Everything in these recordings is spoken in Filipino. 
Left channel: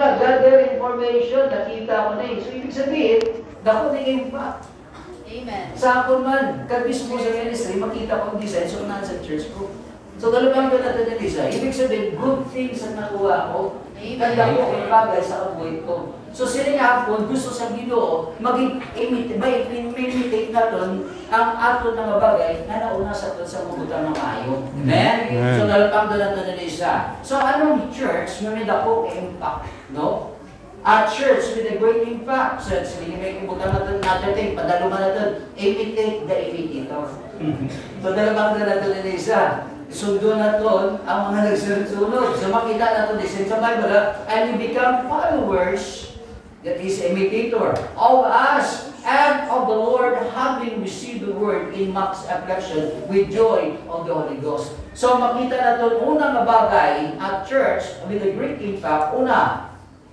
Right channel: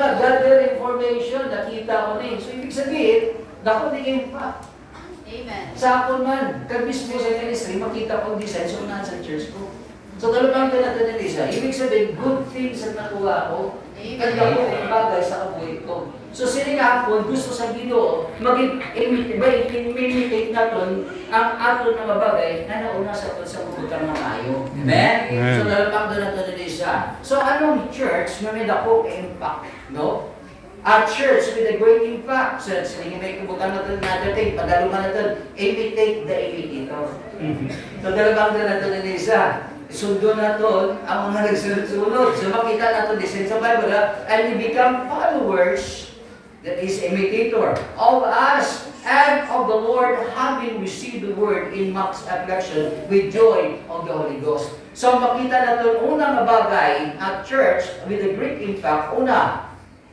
gather information, nakita ko na So, ibig sabihin, dako na impact. Amen. Sa ako man, kag mismo sa ministry, makita ko ang design so sa church ko. So, dalawang ka natin na isa. Ibig sabihin, good things ang nakuha ko. Kag dako ang bagay sa kabuhay ko. So, sinigahapon, gusto sa Ginoo, imitate natin ang aton mga bagay na nauna sa mabutang ng maayo. Amen? So, dalawang ka natin na isa. So, anong church na may dako impact? No? A church with a great impact. So, sige may kubutang natin natin, padaluman natin, imitate the imitator. So, dalawang ka natin na isa. Sundo natin ang mga nagsunod-sunod. So, makita natin this in the Bible, and we become followers, that is, imitator of us and of the Lord, having received the word in max affection with joy of the Holy Ghost. So, makita natin unang bagay at church with a great impact. Una,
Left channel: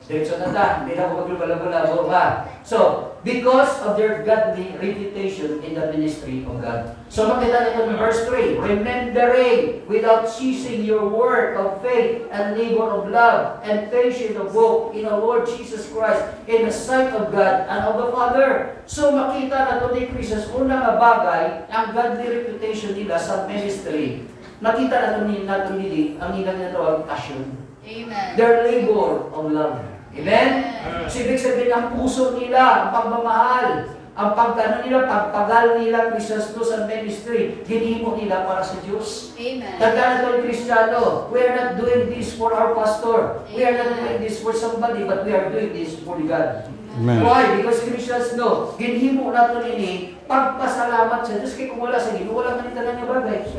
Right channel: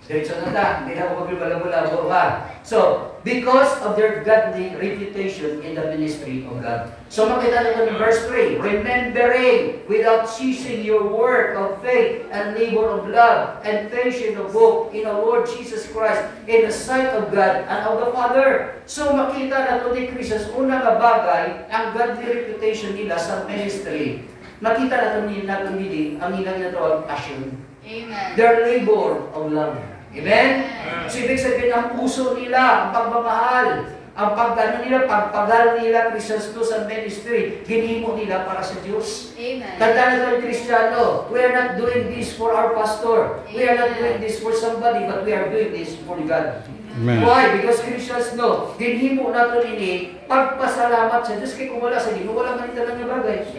diretso na ta, hindi na ko maglabo-labo ba? So, because of their godly reputation in the ministry of God. So, makita natin in verse 3, remembering without ceasing your work of faith and labor of love and patience of hope in our Lord Jesus Christ in the sight of God and of the Father. So, makita natin ni Christus, unang bagay, ang godly reputation nila sa ministry. Nakita natin nila ang ilang na passion. Amen. Their labor of love. Amen? So, ibig sabihin, ang puso nila, ang pagmamahal, ang pagpagal nila, Christos sa ministry, ginimo nila para sa Diyos. Amen. Tandaan natin, Kristiyano, we are not doing this for our pastor. We are not doing this for somebody, but we are doing this for God. Amen. Why? Because Christians know, ginhimo natin ini, pagpasalamat sa Diyos. Kaya kung wala sa Ginoo, wala man ito lang yung bagay.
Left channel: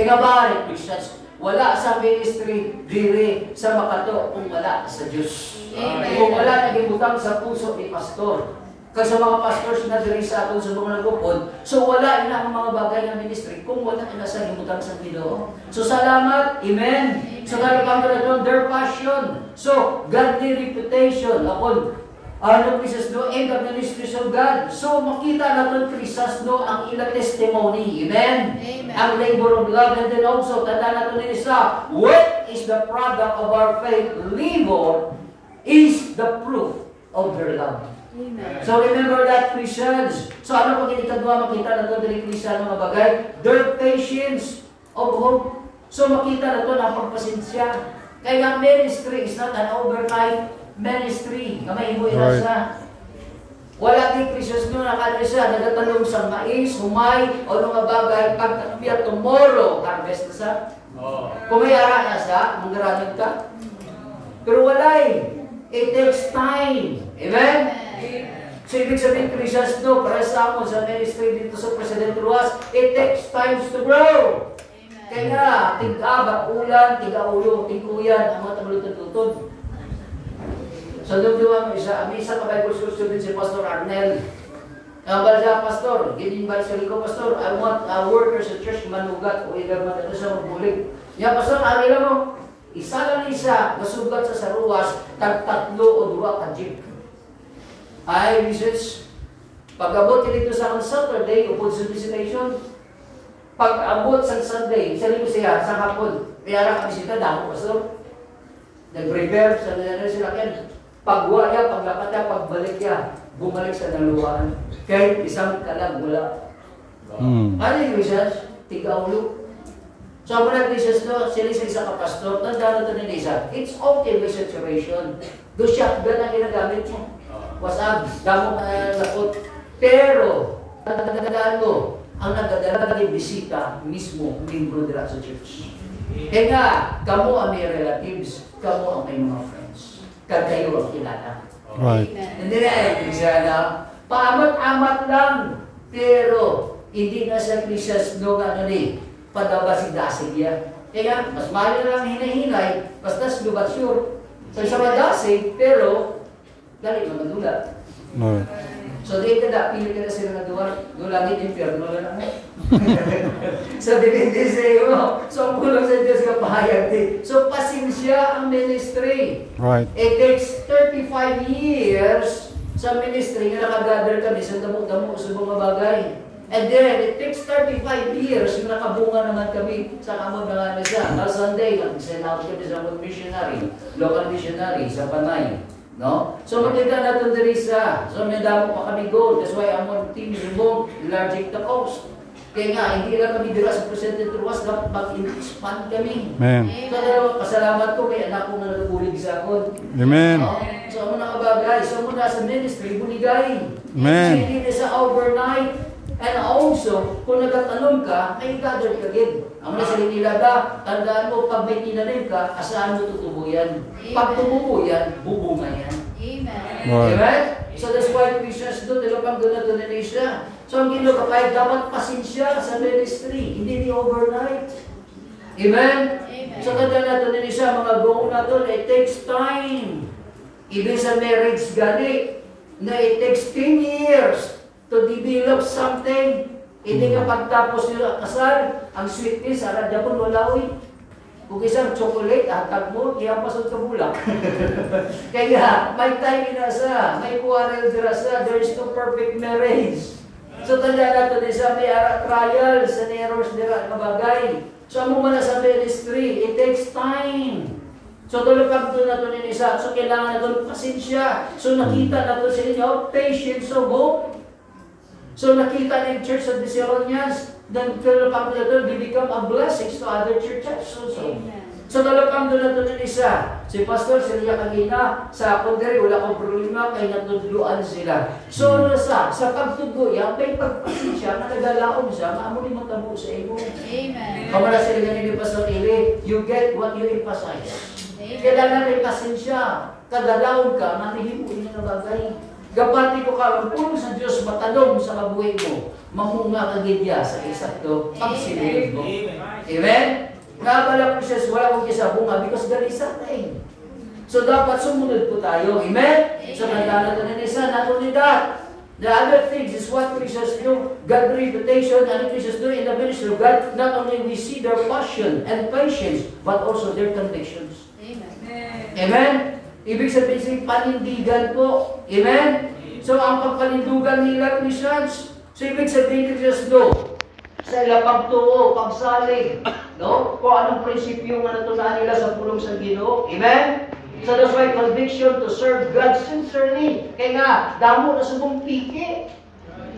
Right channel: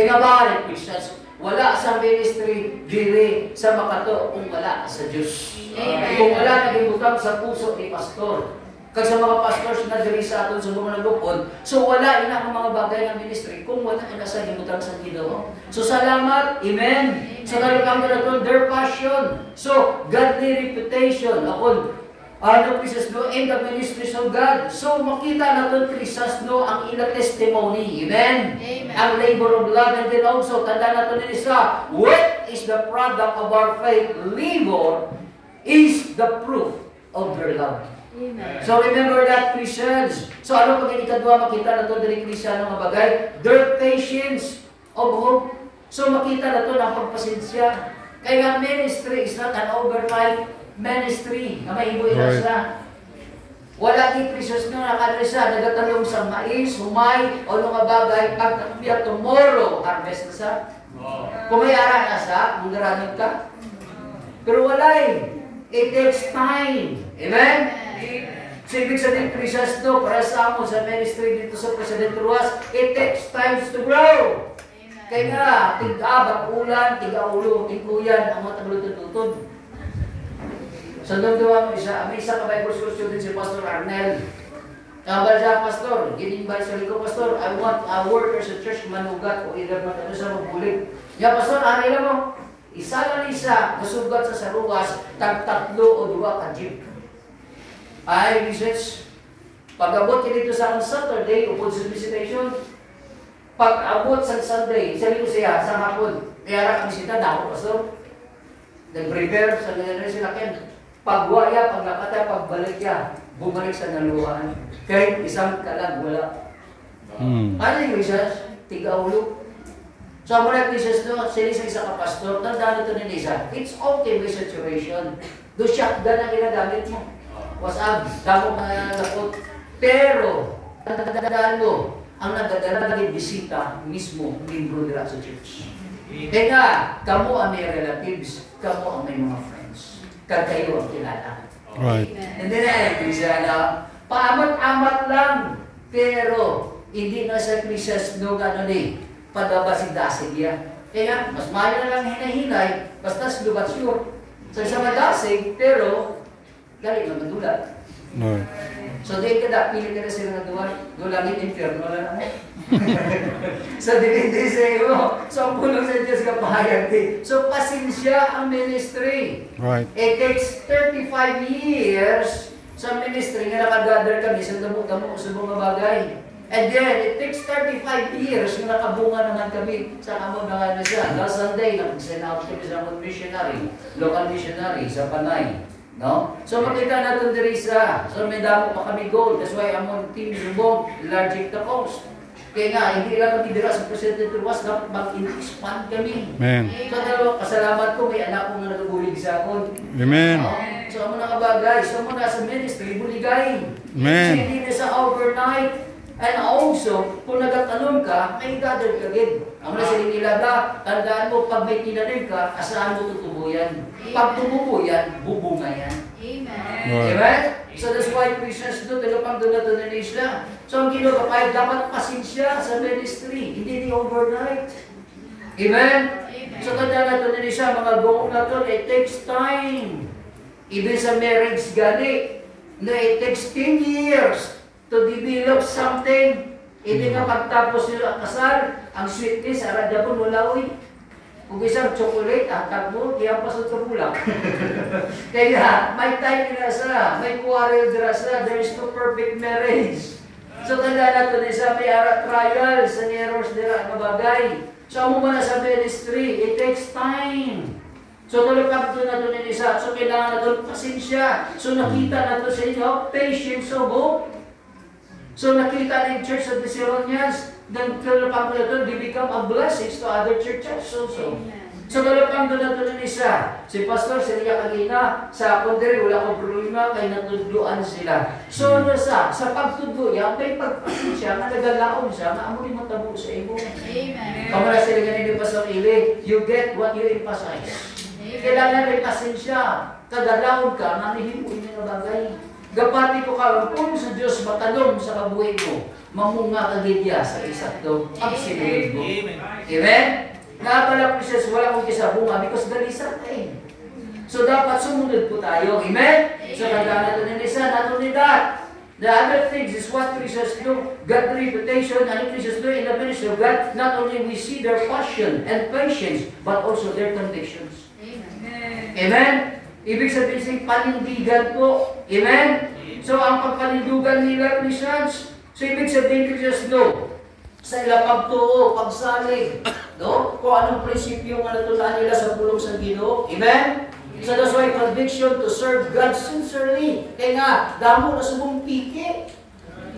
Kaya ba, Christians, wala sa ministry, diri sa makato kung wala sa Diyos. Kung wala nagibutang sa puso ni pastor. Kasi mga pastors na diri sa aton sa mga nagupod, so wala ina ang mga bagay ng ministry kung wala ina sa himutang sa Ginoo. So salamat, amen. So kalabang na their passion. So godly reputation upon Christos no in the ministries of God. So makita natin Christos no ang ilang testimony, amen. Ang labor of love, and then also tanda natin din isa, what is the product of our faith? Labor is the proof of their love. Amen. So remember that, Christians. So ano pag ikadwa makita natin din Christian ng mga bagay? Their patience of hope. So makita natin ang pagpasensya. Kaya ministry is not an overnight ministry. May ibo na. Wala di Christos nung nakadresa, nagatanong sa mais, humay, o mga bagay, pagkakabiyat tomorrow, harvest na sa. Kung may ara na sa, magaramit ka. Pero wala it takes time. Amen? So, ibig sabihin, Christos no, para sa amon sa ministry dito sa President Ruas, it takes time to grow. Kaya nga, tig-abat ulan, tig-aulo, tig-uyan, ang mga tablutod-tutod. Sa nagdawa mo isa, may isa ka Bible school student si Pastor Arnel. Balja, Pastor, ginimbay sa liko, Pastor, I want workers at church manugat o either man ito sa mabulig. Ya, Pastor, ari lang mo, isa lang isa, masugat sa saruwas, tag-tatlo o dua ka jeep. Ay, research, pag-abot dito sa Saturday, upod sa visitation, pag-abot sa Sunday, sa liko siya, sa hapon, piyara ka bisita na ako, Pastor. Nag-prepare sa nangyari sila ken. Pagwaya, paglakata, pagbalik ya, bumalik sa naluwaan. Kahit isang kalang wala. Ano yung isas? Tiga-ulo. So, muna Jesus no, sinis isa ka pastor, tandaan ito ni Lisa, it's okay with situation. Do shotgun ang ginagamit mo. Wasag, damong lakot. Pero, tandaan mo, ang nagdadala ng bisita mismo, membro nila sa church. Kaya nga, kamo ang may relatives, kamo ang may mga friends. Kayo ang kilala. Right. Hindi na siya na paamat-amat lang. Pero, hindi na sa Christos no ano ni, padabasig-dasig yan. Kaya, mas mayo na lang hinahinay, basta slubat sure. So, isa madasig, pero, galing na madulat. Right. So, di ka na, pili ka na sila na dulangin, inferno na lang. So, dipindi sa iyo. So, ang kulong sa Diyos ka pahayag din. So, pasensya ang ministry. Right. It takes 35 years sa ministry nga nakagather kami sa damo-damo sa mga bagay. And then, it takes 35 years na nakabunga naman kami sa kamon ng ano siya. Last Sunday, nag-send-out kami sa mga missionary, local missionary sa Panay. No? So, makita natin diri sa, so may damo pa kami goal. That's why among team remote, enlarging the coast. Kaya nga, hindi lang kami dira sa President Ruas, dapat mag-expand kami. Amen. So, dalawa, pasalamat ko, may anak ko na nagbulig sa akin. Amen. No? So, amo na kabagay. So, muna sa ministry, buligay. Amen. Hindi na sa overnight. And also, kung nagtatanong ka, may gather ka din. Ang nasa nila tandaan mo, pag may tinanim ka, asahan mo tutubo yan. Pag tumubo yan, bubunga yan. Amen. Lord. Amen? So that's why Christians do, tagapang doon na doon na. So ang kinukapay, dapat pasensya sa ministry, hindi overnight. Amen? Amen. So tanda na doon siya, mga buong na doon, it takes time. Even sa marriage gani, na it takes 10 years to develop something. Hindi nga pagtapos nila kasal, ang sweetness, aradya ko nulawi. Kung isang chocolate, ang tagmo, kaya pasod ka bulak. Kaya, may time na sa, may quarrel na sa, there is no perfect marriage. So, tanda natin isa, may trials and errors nila ang bagay. So, mo na sa ministry, it takes time. So, tuloy pag doon na doon isa. So, kailangan na doon pasensya. So, nakita na doon sa inyo, patience of hope. So nakita ng church of the Seronians, then tulapang doon, they become a blessing to other churches also. So tulapang doon isa. Si Pastor, sila niya kanina, sa pundere, wala akong problema, kaya natudluan sila. So ano sa pagtudlo, yan, may pagpasensya, na nagalaon siya, na amo ni matabo sa imo. Amen. Kamo na sila ganun ni Pastor Ili, you get what you emphasize. Kailangan may pasensya, kadalaon ka, nanihimuin na bagay. Gapati ko ka, kung sa Diyos matalong sa kabuhay mo, mamunga ka gidya sa isakto pagsinunod mo. Amen? Nakakala ko siya, wala kong isa bunga because ganisa tayo. So dapat sumunod po tayo. Amen? So kandang natin ng isa, not only that, the other things is what Christians do, God reputation, and Christians do in the ministry of God, not only we see their passion and patience, but also their convictions. Amen. Amen? Ibig sabihin panindigan po. Amen? So, ang pagpanindugan nila, Christians, so ibig sabihin Christians do, sa ilang pagtuo, pagsalig, no? Kung anong prinsipyo nga natutunan nila sa pulong sa Ginoo. Amen? So, that's why conviction to serve God sincerely. Kaya nga, damo na subong piki.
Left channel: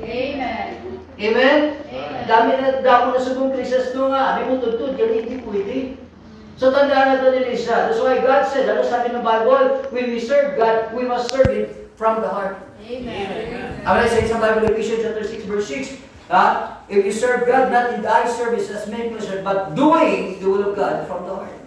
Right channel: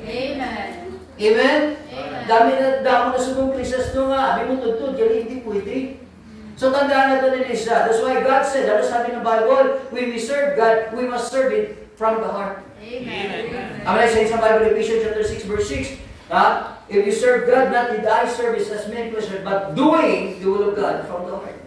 Amen. Amen? Amen. Damo na subong Christians do nga. May mo tutod, yan hindi pwede. So tandaan natin nila siya. That's why God said, ano sabi ng Bible, when we serve God, we must serve it from the heart. Amen. Ang I say sa Bible, Ephesians chapter 6, verse 6, if you serve God, not in the eye service as men pleasure, but doing the will of God from the heart.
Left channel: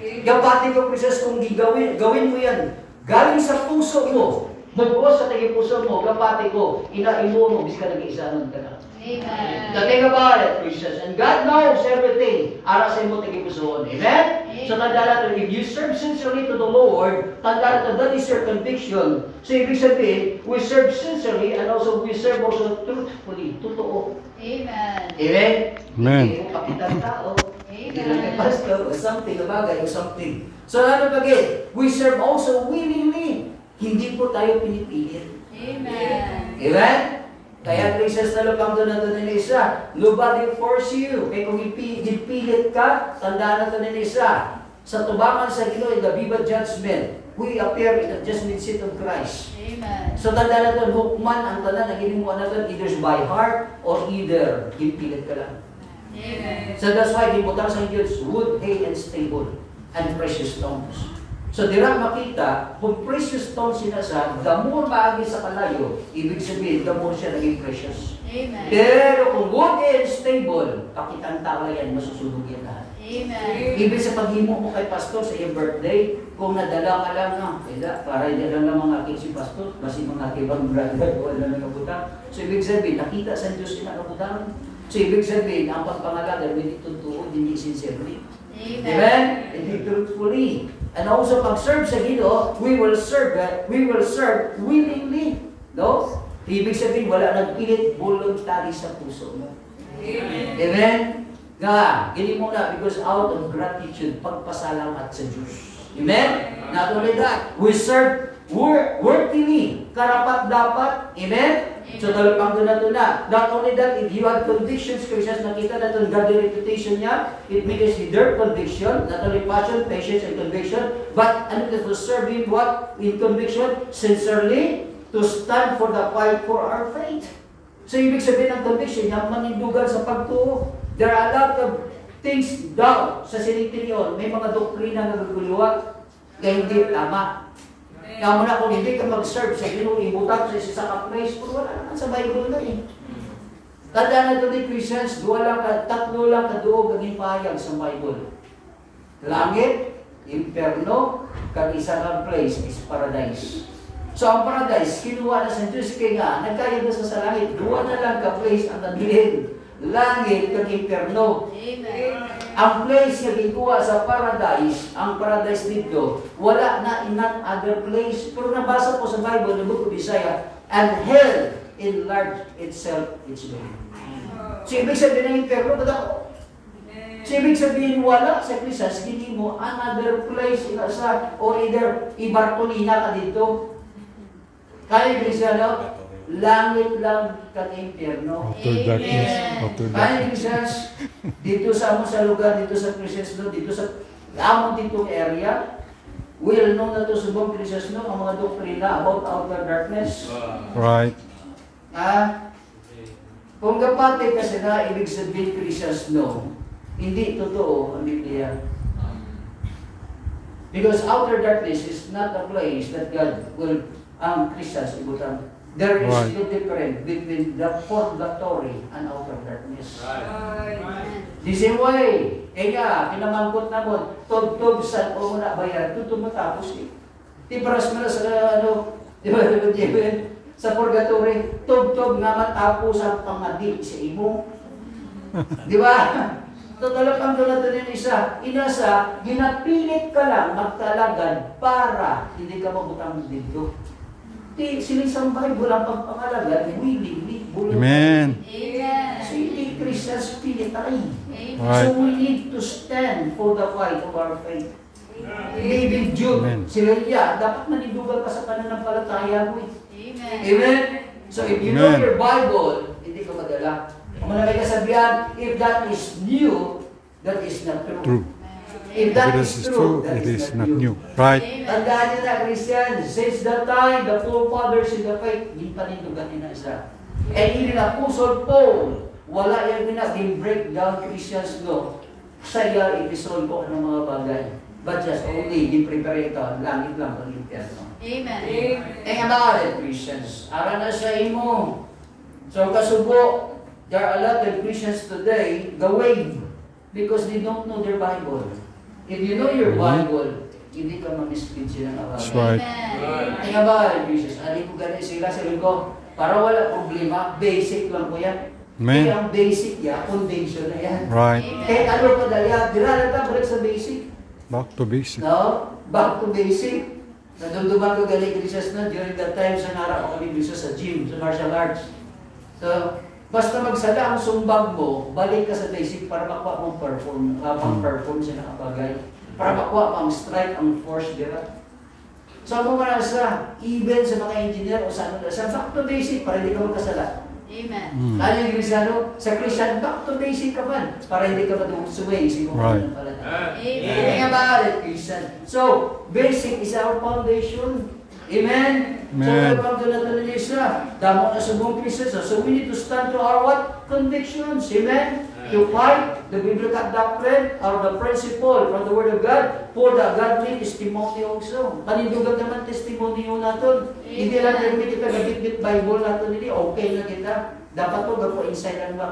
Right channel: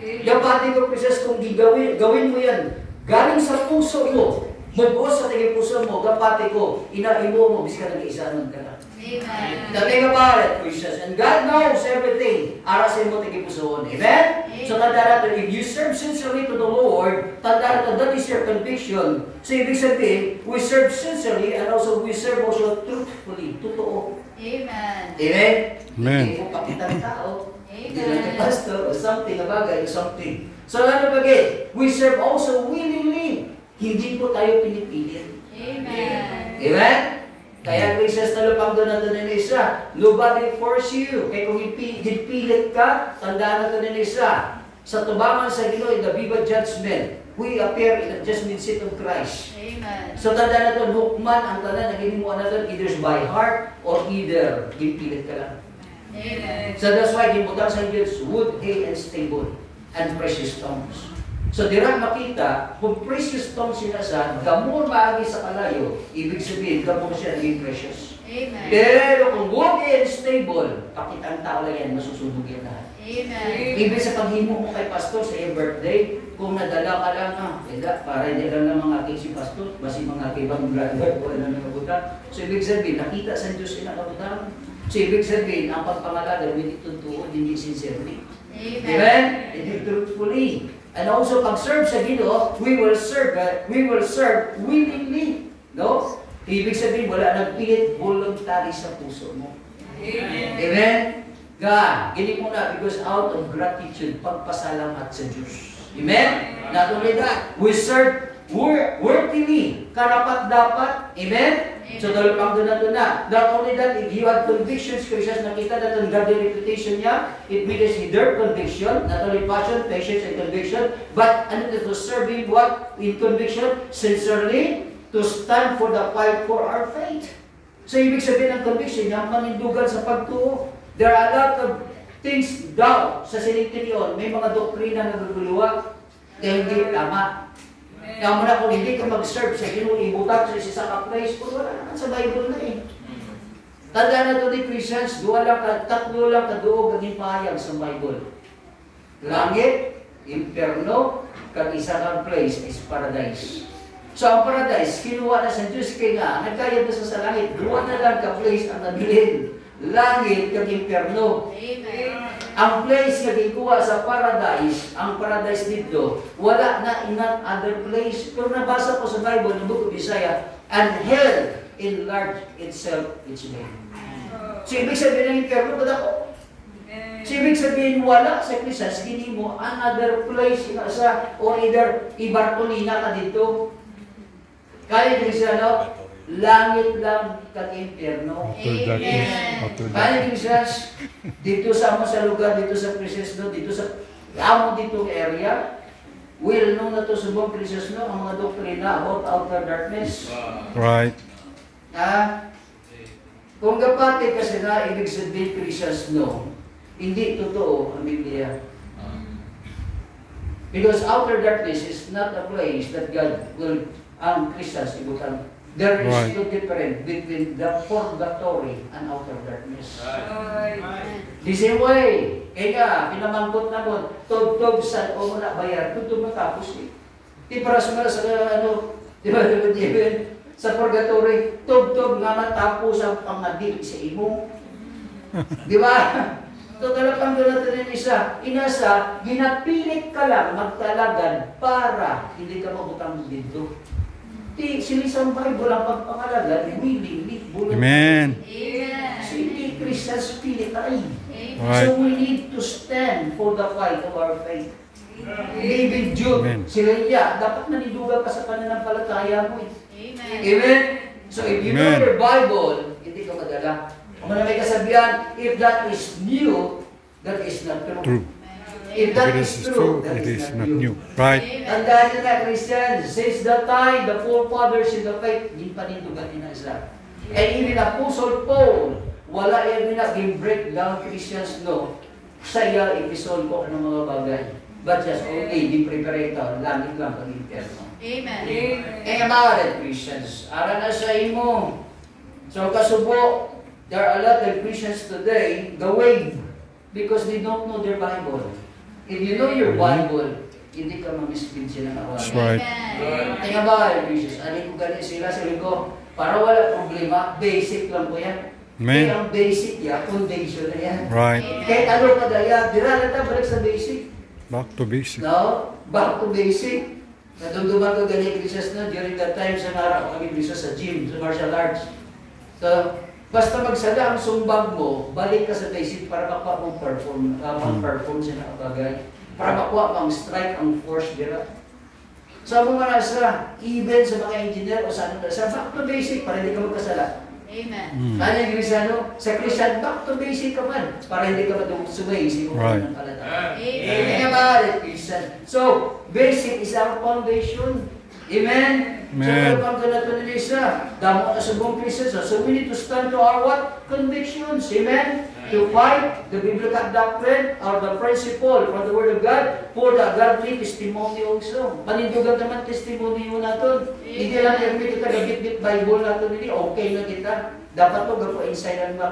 Kapati ko, Princess, kung gawin mo yan, galing sa puso mo, mugos sa tingin puso mo, kapati ko, inaimo mo, bis ka nag-iisaan ka na. Amen. The thing about it, Christians, and God knows everything. Arasin mo tingin pusoon. Amen? So tanda natin, if you serve sincerely to the Lord, tanda natin, that is your conviction. So ibig sabihin, we serve sincerely and also we serve also truthfully. Totoo. Amen. Amen? Amen. Hindi mo kapitan tao. Hindi mo Amen. pastor or something, bagay or something. So ano bagay? We serve also willingly. Hindi po tayo pinipilit. Amen. Amen? Kaya Christians na lupang doon na doon isa. Nobody force you. Kaya kung ipilit ka, tandaan na doon isa. Sa tubangan sa Ginoo in the viva judgment, we appear in the judgment seat of Christ. Amen. So tandaan na doon, hukman ang tanan na ginimuan na doon, either by heart or either ipilit ka lang. Amen. So that's why gimutan sa Diyos, wood, hay, and stable, and precious stones. So dira makita, kung precious stone sinasad, gamon maagi sa kalayo, ibig sabihin, gamon siya naging precious. Amen. Pero kung wood and stable, pakitang tao lang yan, masusunog yan lahat. Amen. Ibig sa paghimo mo kay pastor sa iyong birthday, kung nadala ka lang na, para hindi lang mga aking si pastor, kasi mga ibang brother o ano na nabuta. So ibig sabihin, nakita sa Diyos yung nakabutan. So ibig sabihin, ang pagpangalaga, hindi totoo, hindi sincerely. Amen. Amen? Hindi truthfully. And also, pag-serve sa Ginoo, we will serve willingly. No? Ibig sabihin, wala nagpilit, voluntary sa puso mo. Amen. Amen? God, gini muna, because out of gratitude, pagpasalamat sa Diyos. Amen? Not only that, we serve worthily, karapat-dapat. Amen? So, talapang doon na. Not only that, if you have convictions, Christians, nakita na itong godly reputation niya, it means their conviction, not only passion, patience, and conviction, but ano to serve Him what? In conviction, sincerely, to stand for the fight for our faith. So, ibig sabihin ng conviction, yung manindugan sa pagtuo. There are a lot of things daw sa sinintinyon. May mga doktrina na nagaguluwa, kaya hindi tama. Kaya mo na kung hindi ka mag-serve sa ibutan sa isa sa place, wala naman sa Bible na eh. Tandaan na ito ni Christians, tatlo lang kaduog ang pahayag sa Bible. Langit, imperno, kag isa kang place is paradise. So ang paradise, kinuha na sa Diyos kaya nga, nagkayod na sa langit, duwa na lang ka place ang nabilin. Langit kag imperno. Amen. Ang place nga gikuha sa paradise, ang paradise dito, wala na in that other place. Pero nabasa ko sa Bible, ng Book of Isaiah, and hell enlarged itself its way. So ibig sabihin ng imperno, badako. So ibig sabihin wala sa Krisas, hindi mo another place sa or either ibartolina ka dito. Kaya Kristiano, langit lang kag impyerno. Kaya Krisas, dito sa amo sa lugar, dito sa Krisas, dito sa amo dito area, well known na to subong Krisas, ang mga doktrina about outer darkness. Right. Kung kapati kasi na ibig sabihin Krisas, hindi totoo ang Biblia. Because outer darkness is not a place that God will ang Christians ibutan. There is no difference between the purgatory and outer darkness. The same way, pinamangkot na mo, tug-tug sa o muna bayar, tutug matapos eh. Di paras mo na sa di ba, sa purgatory, tug-tug na matapos ang pangadik sa imong. Di ba? So talagang ganito din inasa, ginapilit ka lang magtalagad para hindi ka mabutang dito. Silisang Bible ang pagpangalaga, willingly, Amen. So hindi Christians pilit ay. Right. So we need to stand for the fight of our faith. David, Jude, sila dapat manindugan ka sa pananampalataya mo. Amen. So if you know your Bible, hindi ka madala. Kung may kasabihan, if that is new, that is not true. If that is true, that is not new. Right. Tandaan nyo na, Christian, since that time, the forefathers in the faith, hindi panindugan nila isa. And even Apostle Paul, wala yung break down Christians sa iyang episode ko ng mga bagay. But just only, di prepare ito, langit lang ang impyerno. Amen. About it, Christians. Ara na sa imo. So, kasubo, there are a lot of Christians today, the way, because they don't know their Bible. If you know your Bible, hindi ka mamiskin sila ng awal. That's right. Tingnan ba, Jesus, alin ko ganyan sila sa ko, para wala problema, basic lang po yan. Amen. Kaya ang basic yan, foundation na yan. Right. Kahit ano pa dahil, dira lang balik sa basic. Back to basic. No? Back to basic. Nadumduman ko ganyan Christmas during that time sa nara ako sa gym, sa martial arts. So, basta magsala ang sumbag mo, balik ka sa basic para makuha mong perform sa nakabagay. Para makuha mong strike ang force dira. So, kung sa even sa mga engineer o sa back to basic para hindi ka magkasala. Amen. Ano yung Cristiano? Sa Christian, back to basic ka man para hindi ka madumusuway sa iyong pananampalataya. Think about it, Christian. So, basic is our foundation. Amen? Amen. So, welcome to the Tunilisa. Damo na sa buong Christian. So, we need to stand to our what? Convictions. Amen? To fight the biblical doctrine or the principle from the Word of God for the godly testimony also. Panindugan naman testimony yun natin. Hindi lang yung kita nabit-bit Bible natin hindi. Okay na kita. Dapat po gagawin inside ang mga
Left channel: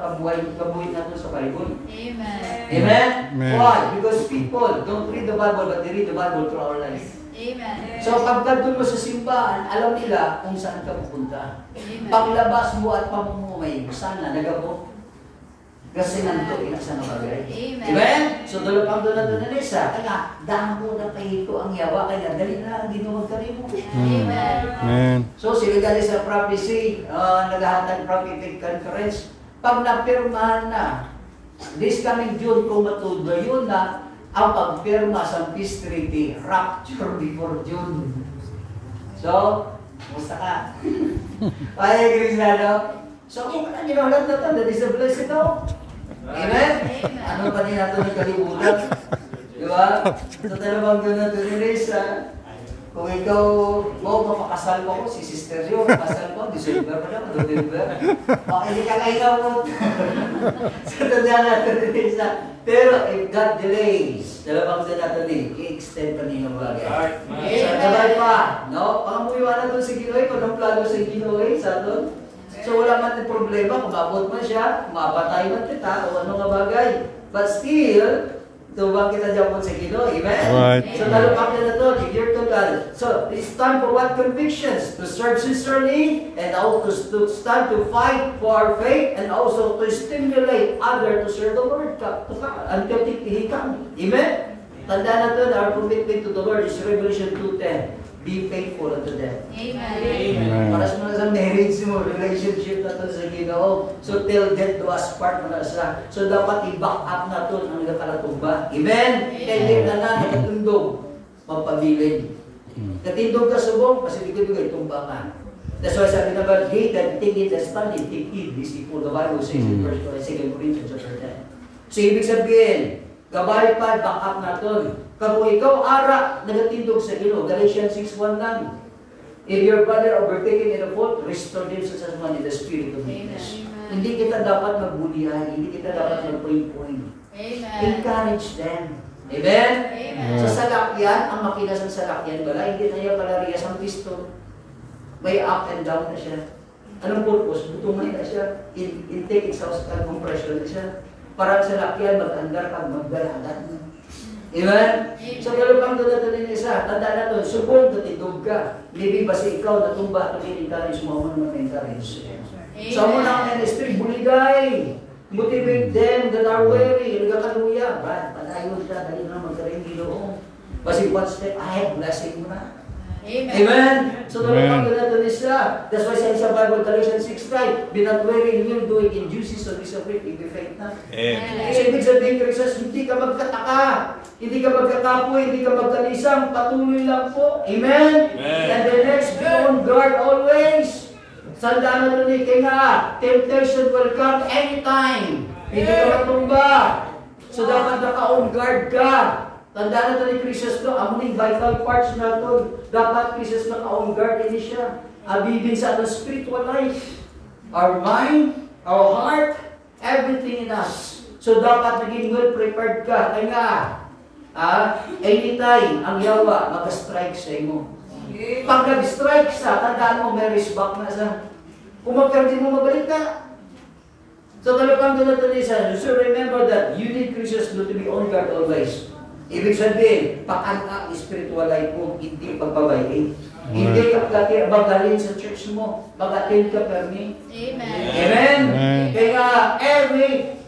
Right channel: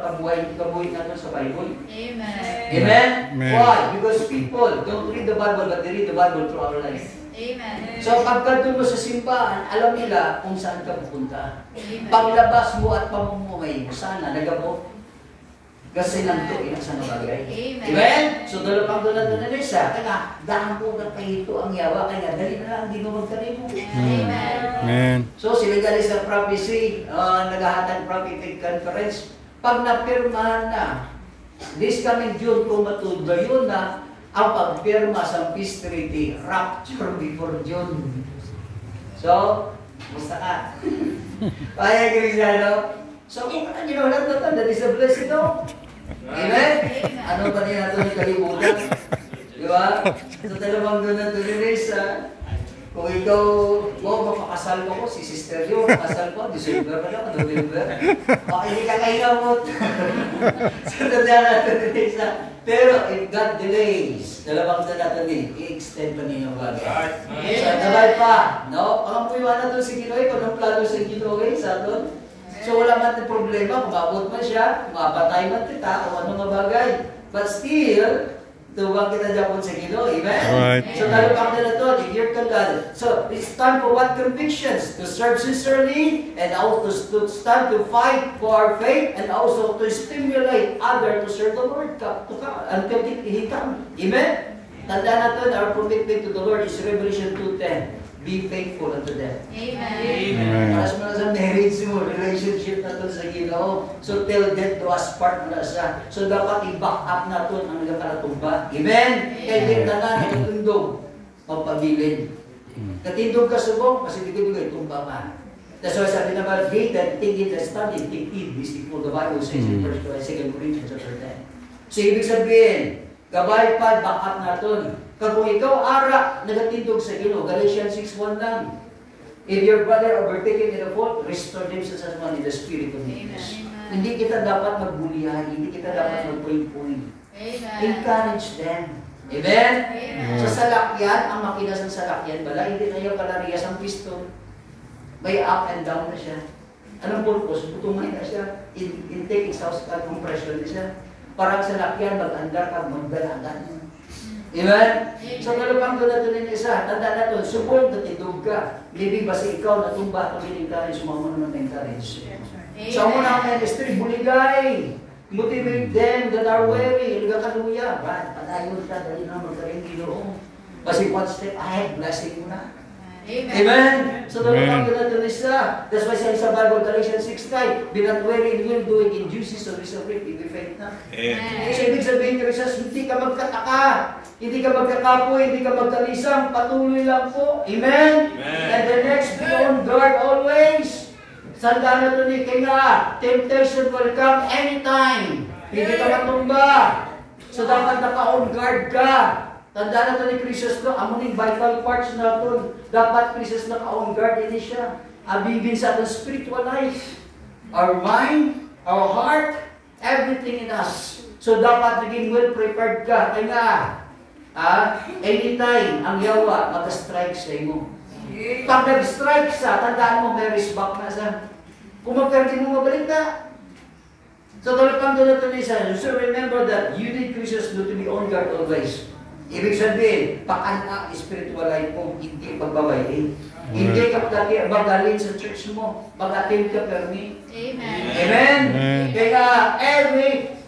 kabuhay natin sa Bible. Amen. Amen? Amen. Why? Because people don't read the Bible but they read the Bible through our life. Amen. So pagka doon mo sa simbahan, alam nila kung saan ka pupunta. Paglabas mo at pamumuhay mo, sana nagabot. Kasi nanto inak sa mga bagay. Amen? So dalawang doon na isa. Kaya dahang po na kayo ito ang yawa. Kaya dali na lang ginawag ka rin mo. Amen. Amen. So sila gali sa prophecy, naghahatag prophetic conference. Pag napirmahan na, this coming June kung matudlo yun na, ang pagpirma sa peace treaty, rapture before June. So, musta ka? Kaya Cristiano? So, you know, that is a blessing, no? Amen? Ano pa rin natin yung kalimutan? Di ba? So, dalawang doon na doon kung ikaw, mapakasal mo ko, si Sister Leo, makasal ko, December pa lang, November. O, hindi ka kainamot. So, tandaan natin din pero if God delays, dalawang doon natin din, i-extend pa niyo ng bagay. So, gabay pa, no? Ang muiwanan doon si Ginoy, kung anong plano si Ginoy sa doon. So, wala man yung problema, kumabot man siya, kumapatay man kita, o anong bagay. But still, tubang kita dyan po sa Ginoy, amen? Right. So, lalo pa na ito, i-gear ka God. So, it's time for what convictions? To serve sincerely, and also to stand to fight for our faith, and also to stimulate others to serve the Lord until He comes. Amen? Tandaan natin, our commitment to the Lord is Revelation 2:10. Be faithful unto them. Amen. Para sa mga sa marriage mo, relationship na ito sa Ginoo. So, till death do us part na siya. So, dapat i-back up na ito ng nagkakalatumba. Amen? Kaya hindi na na katindog, mapabilin. Katindog ka subong, kasi di ko bigay tumba ka. That's why sabi na ba, they that think in the study, think in this before the Bible says in 1 Corinthians chapter 10. So, ibig sabihin, gabay pa, back up na ito. Kung ikaw ara, nagatindog sa Ginoo, Galatians 6:1 lang. If your brother overtaken in a fault, restore them sa someone in the spirit of meekness. Hindi kita dapat magbulihan, hindi kita dapat magpoint-point. Encourage them. Amen? Sa salakyan, ang makina sa salakyan, bala, hindi na yung kalarias ang piston. May up and down na siya. Anong purpose? Butungan na siya. Intake, exhaust, and compression na siya. Parang salakyan, mag-andar ka, magdala-agad mo. Amen? So, talupang doon natin yung isa. Tanda na doon, subol na tindog ka. Maybe basi ikaw natumba at encourage mo naman encourage. So, mo na ang ministry, buligay. Motivate them that are weary. Nagkakaluya. Panayon ka, dali na magkaring Ginoo. Basi one step ahead, blessing mo na. Amen. So, talupang doon natin isa. That's why sa Bible, Galatians 6:9, be not weary in well doing in due season is a great effect na. So, ibig sabihin, Christians, hindi ka magkataka. Hindi ka magkakapoy, hindi ka magkalisang, patuloy lang po. Amen? And the next, be on guard always. Sandaan na ito ni Kinga, temptation will come anytime. Hindi ka matumba. So dapat naka-on guard ka. Tandaan na ito ni Christus no, amuning vital parts na ito. Dapat Christus naka-on guard din siya. Abibin sa ating spiritual life. Our mind, our heart, everything in us. So dapat naging well prepared ka. Kaya anytime ang yawa mag-strike sa imo. Pag nag-strike sa, tandaan mo may resback na sa. Kung magkardin mo, mabalik ka. So talapang doon natin isa. So remember that you need Christians to be on guard always. Ibig sabihin, pakana spiritual life mo, hindi pagbabayin. Hindi ka bagalin sa church mo. Bagatin ka permi. Amen? Kaya every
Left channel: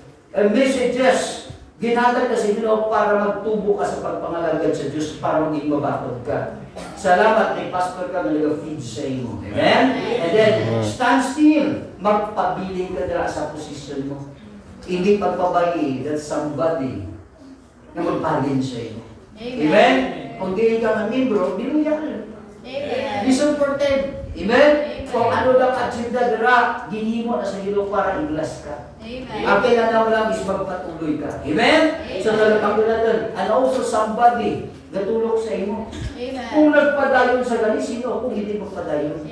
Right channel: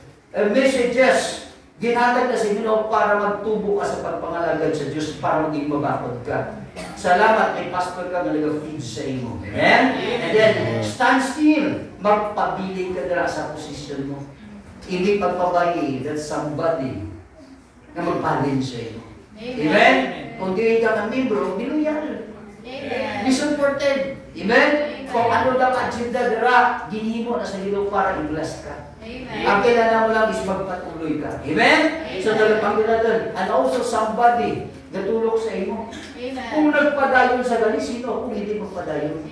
messages ginhatag kasi para magtubo ka sa pagpangalagad sa Diyos para maging mabakod ka. Salamat kay pastor ka na nag-feed sa iyo. Amen? And then, stand still. Magpabiling ka na sa posisyon mo. Hindi pagpabayi that somebody na magpalin sa iyo. Amen? Kung di ka ng membro, biluyan. Be supported. Amen? Kung ano lang agenda dira, ginimo na sa ilo para i-bless ka. Ang kailangan mo lang is magpatuloy ka. Amen? So, talapang natin. And also somebody natulog sa imo. Kung nagpadayon sa gali, sino kung hindi magpadayon?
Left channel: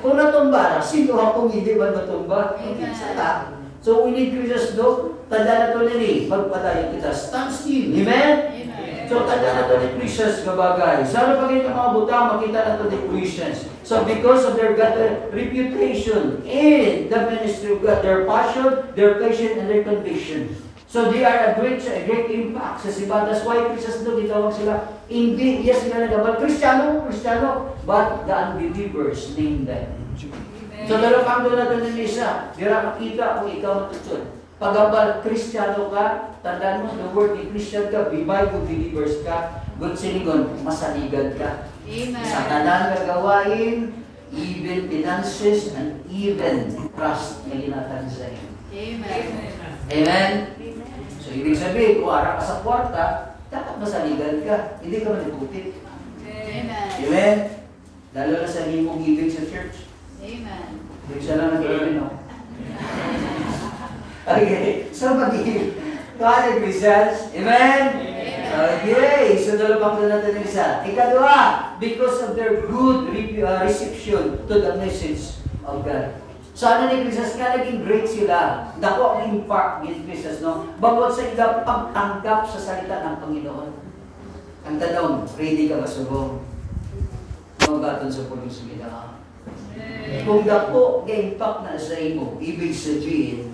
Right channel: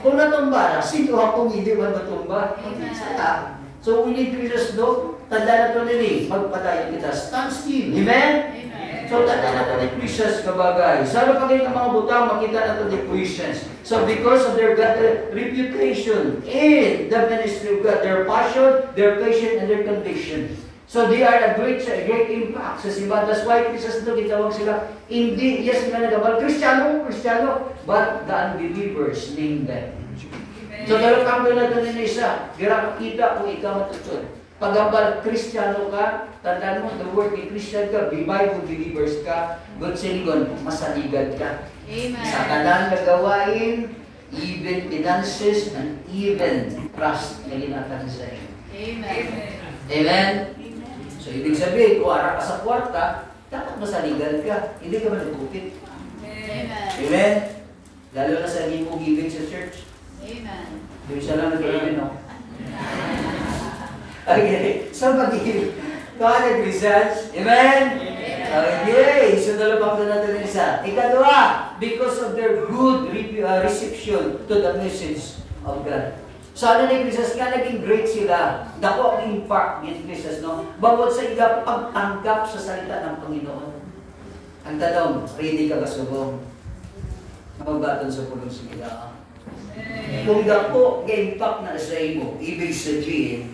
Kung natumba na, sino kung hindi ba natumba? Sala. So, we need Christus do. Tanda na ito nili, magpadayon kita. Stand still. Amen? So, tanda na ito ni Christus na bagay. So, ano pag yung mga butang, makita na ito ni Christians. So, because of their reputation in the ministry of God, their passion, their patience, and their conviction. So, they are a great impact sa simbahan. That's why Christus doon, gitawag sila, hindi, yes, nga nagabal, Kristiyano, but the unbelievers name them. So, dalawang doon natin ng isa, yun kita kung ikaw matutun. Pagabal, Kristiyano ka, tandaan mo, the word in Christian ka, Bible believers ka, good sinigon, masaligad ka. Sa talang gagawain, even finances, and even trust na linatan sa iyo. Amen? So, ibig sabihin, kung ara ka sa kwarta, dapat masaligan ka. Hindi ka managupit. Amen. Amen? Lalo na sa limong giving sa church. Amen. Hindi siya lang nag-amen, no? Okay. So, mag-give. God results. Amen? Okay. So, dalawang doon natin isa. Ikadwa, because of their good reception to the message of God. So, ano ni Christus? Nga naging great sila. Dako ang impact ni Christus, no? Bawat sa ila pagtanggap sa salita ng Panginoon. Ang tanong, ready ka ba subong? Magaton sa pulong sila. Kung dako ang impact na sa imo, ibig sabihin,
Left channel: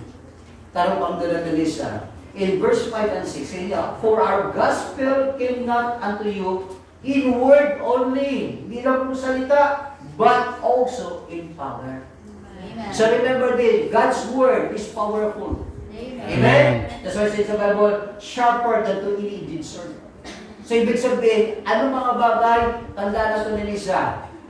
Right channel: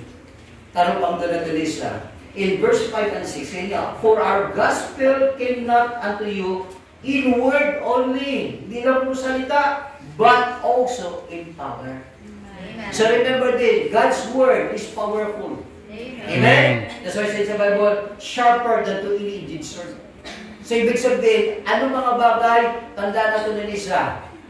tarong ang dalagalisa. In verse 5 and 6, niya, for our gospel came not unto you in word only, hindi lang po salita, but also in power. Amen. So remember this, God's word is powerful. Amen. Amen? That's why it says sa Bible, sharper than two-edged sword. So ibig sabihin, ano mga bagay, tandaan na ito na Lisa,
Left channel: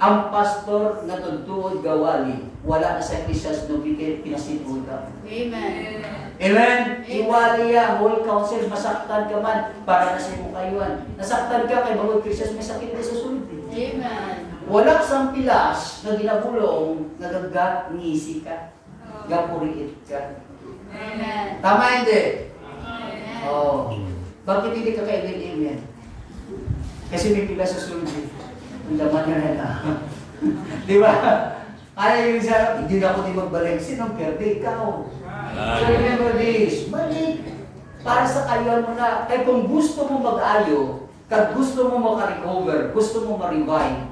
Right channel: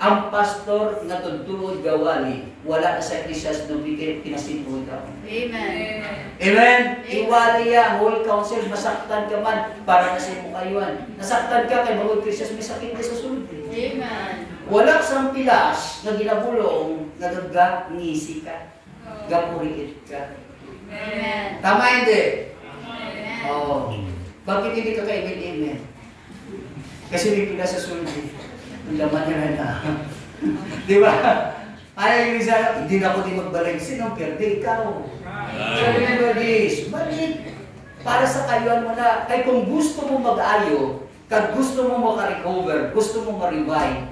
ang pastor nga tuntuod gawali, wala na sa Ecclesiastes no pinasituda. Amen. Amen? Iwali ya, whole council, masaktan ka man, para na sa mukayuan. Nasaktan ka kay mga Ecclesiastes, may sakit na sa sulod. Amen. Wala sang pilas na ginagulong, nagagangisi ka, gapuriit ka. Amen. Tama hindi? Amen. Oh. Bakit hindi ka kaibigan? Kasi may pila sa sulbi. Ang laman niya na. Di ba? Kaya yung isa, hindi na ako di magbalik. Sinong perde? Ikaw. So remember this. Balik. Para sa kayuan mo na. Kaya kung gusto mo mag-ayo, kag gusto mo maka-recover, gusto mo ma-revive,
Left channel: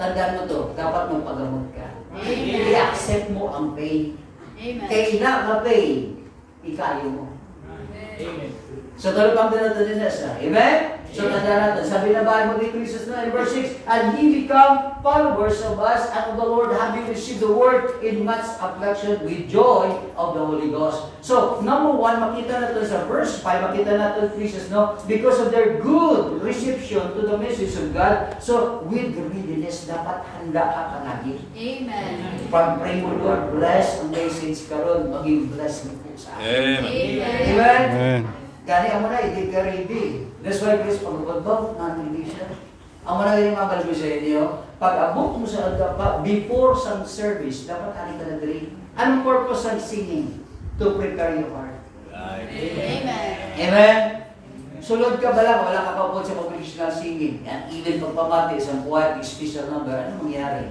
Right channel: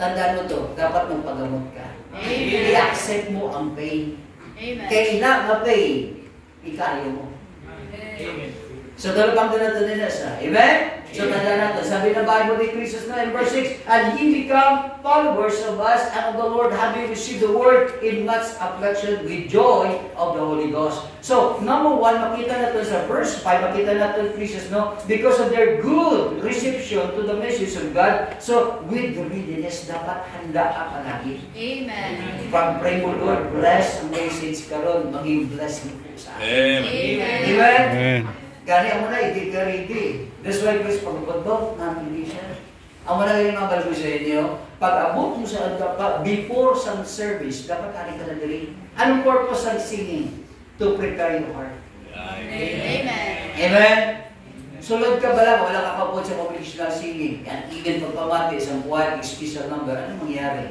tandaan mo to, dapat magpagamot ka. Amen. I-accept mo ang pain. Amen. Kaya ina na pain, ikayo mo. Amen. So, dalawang doon natin sa. Amen? So, tanda natin. Sabi ng Bible ni Christus na in verse 6, and ye become followers of us and of the Lord, having received the word in much affliction with joy of the Holy Ghost. So, number one, makita natin sa verse 5, makita natin Christus, no? Because of their good reception to the message of God, so, with readiness, dapat handa ka palagi. Amen. Pag-pray mo, Lord, bless ang message karon, maging bless mo po sa akin. Amen. Amen? Amen. Gani ang mga hindi ka ready. That's why Chris, pagkakot hindi siya. Ang mga ganyan mga balbo sa inyo, pag abot mo sa before some service, dapat hari ka na dali. Anong purpose ng singing? To prepare your heart. Amen. Amen? Sulod ka ba lang, wala ka kapot sa congregational singing. And even pagpamati sa buwan, special number, ano mangyari?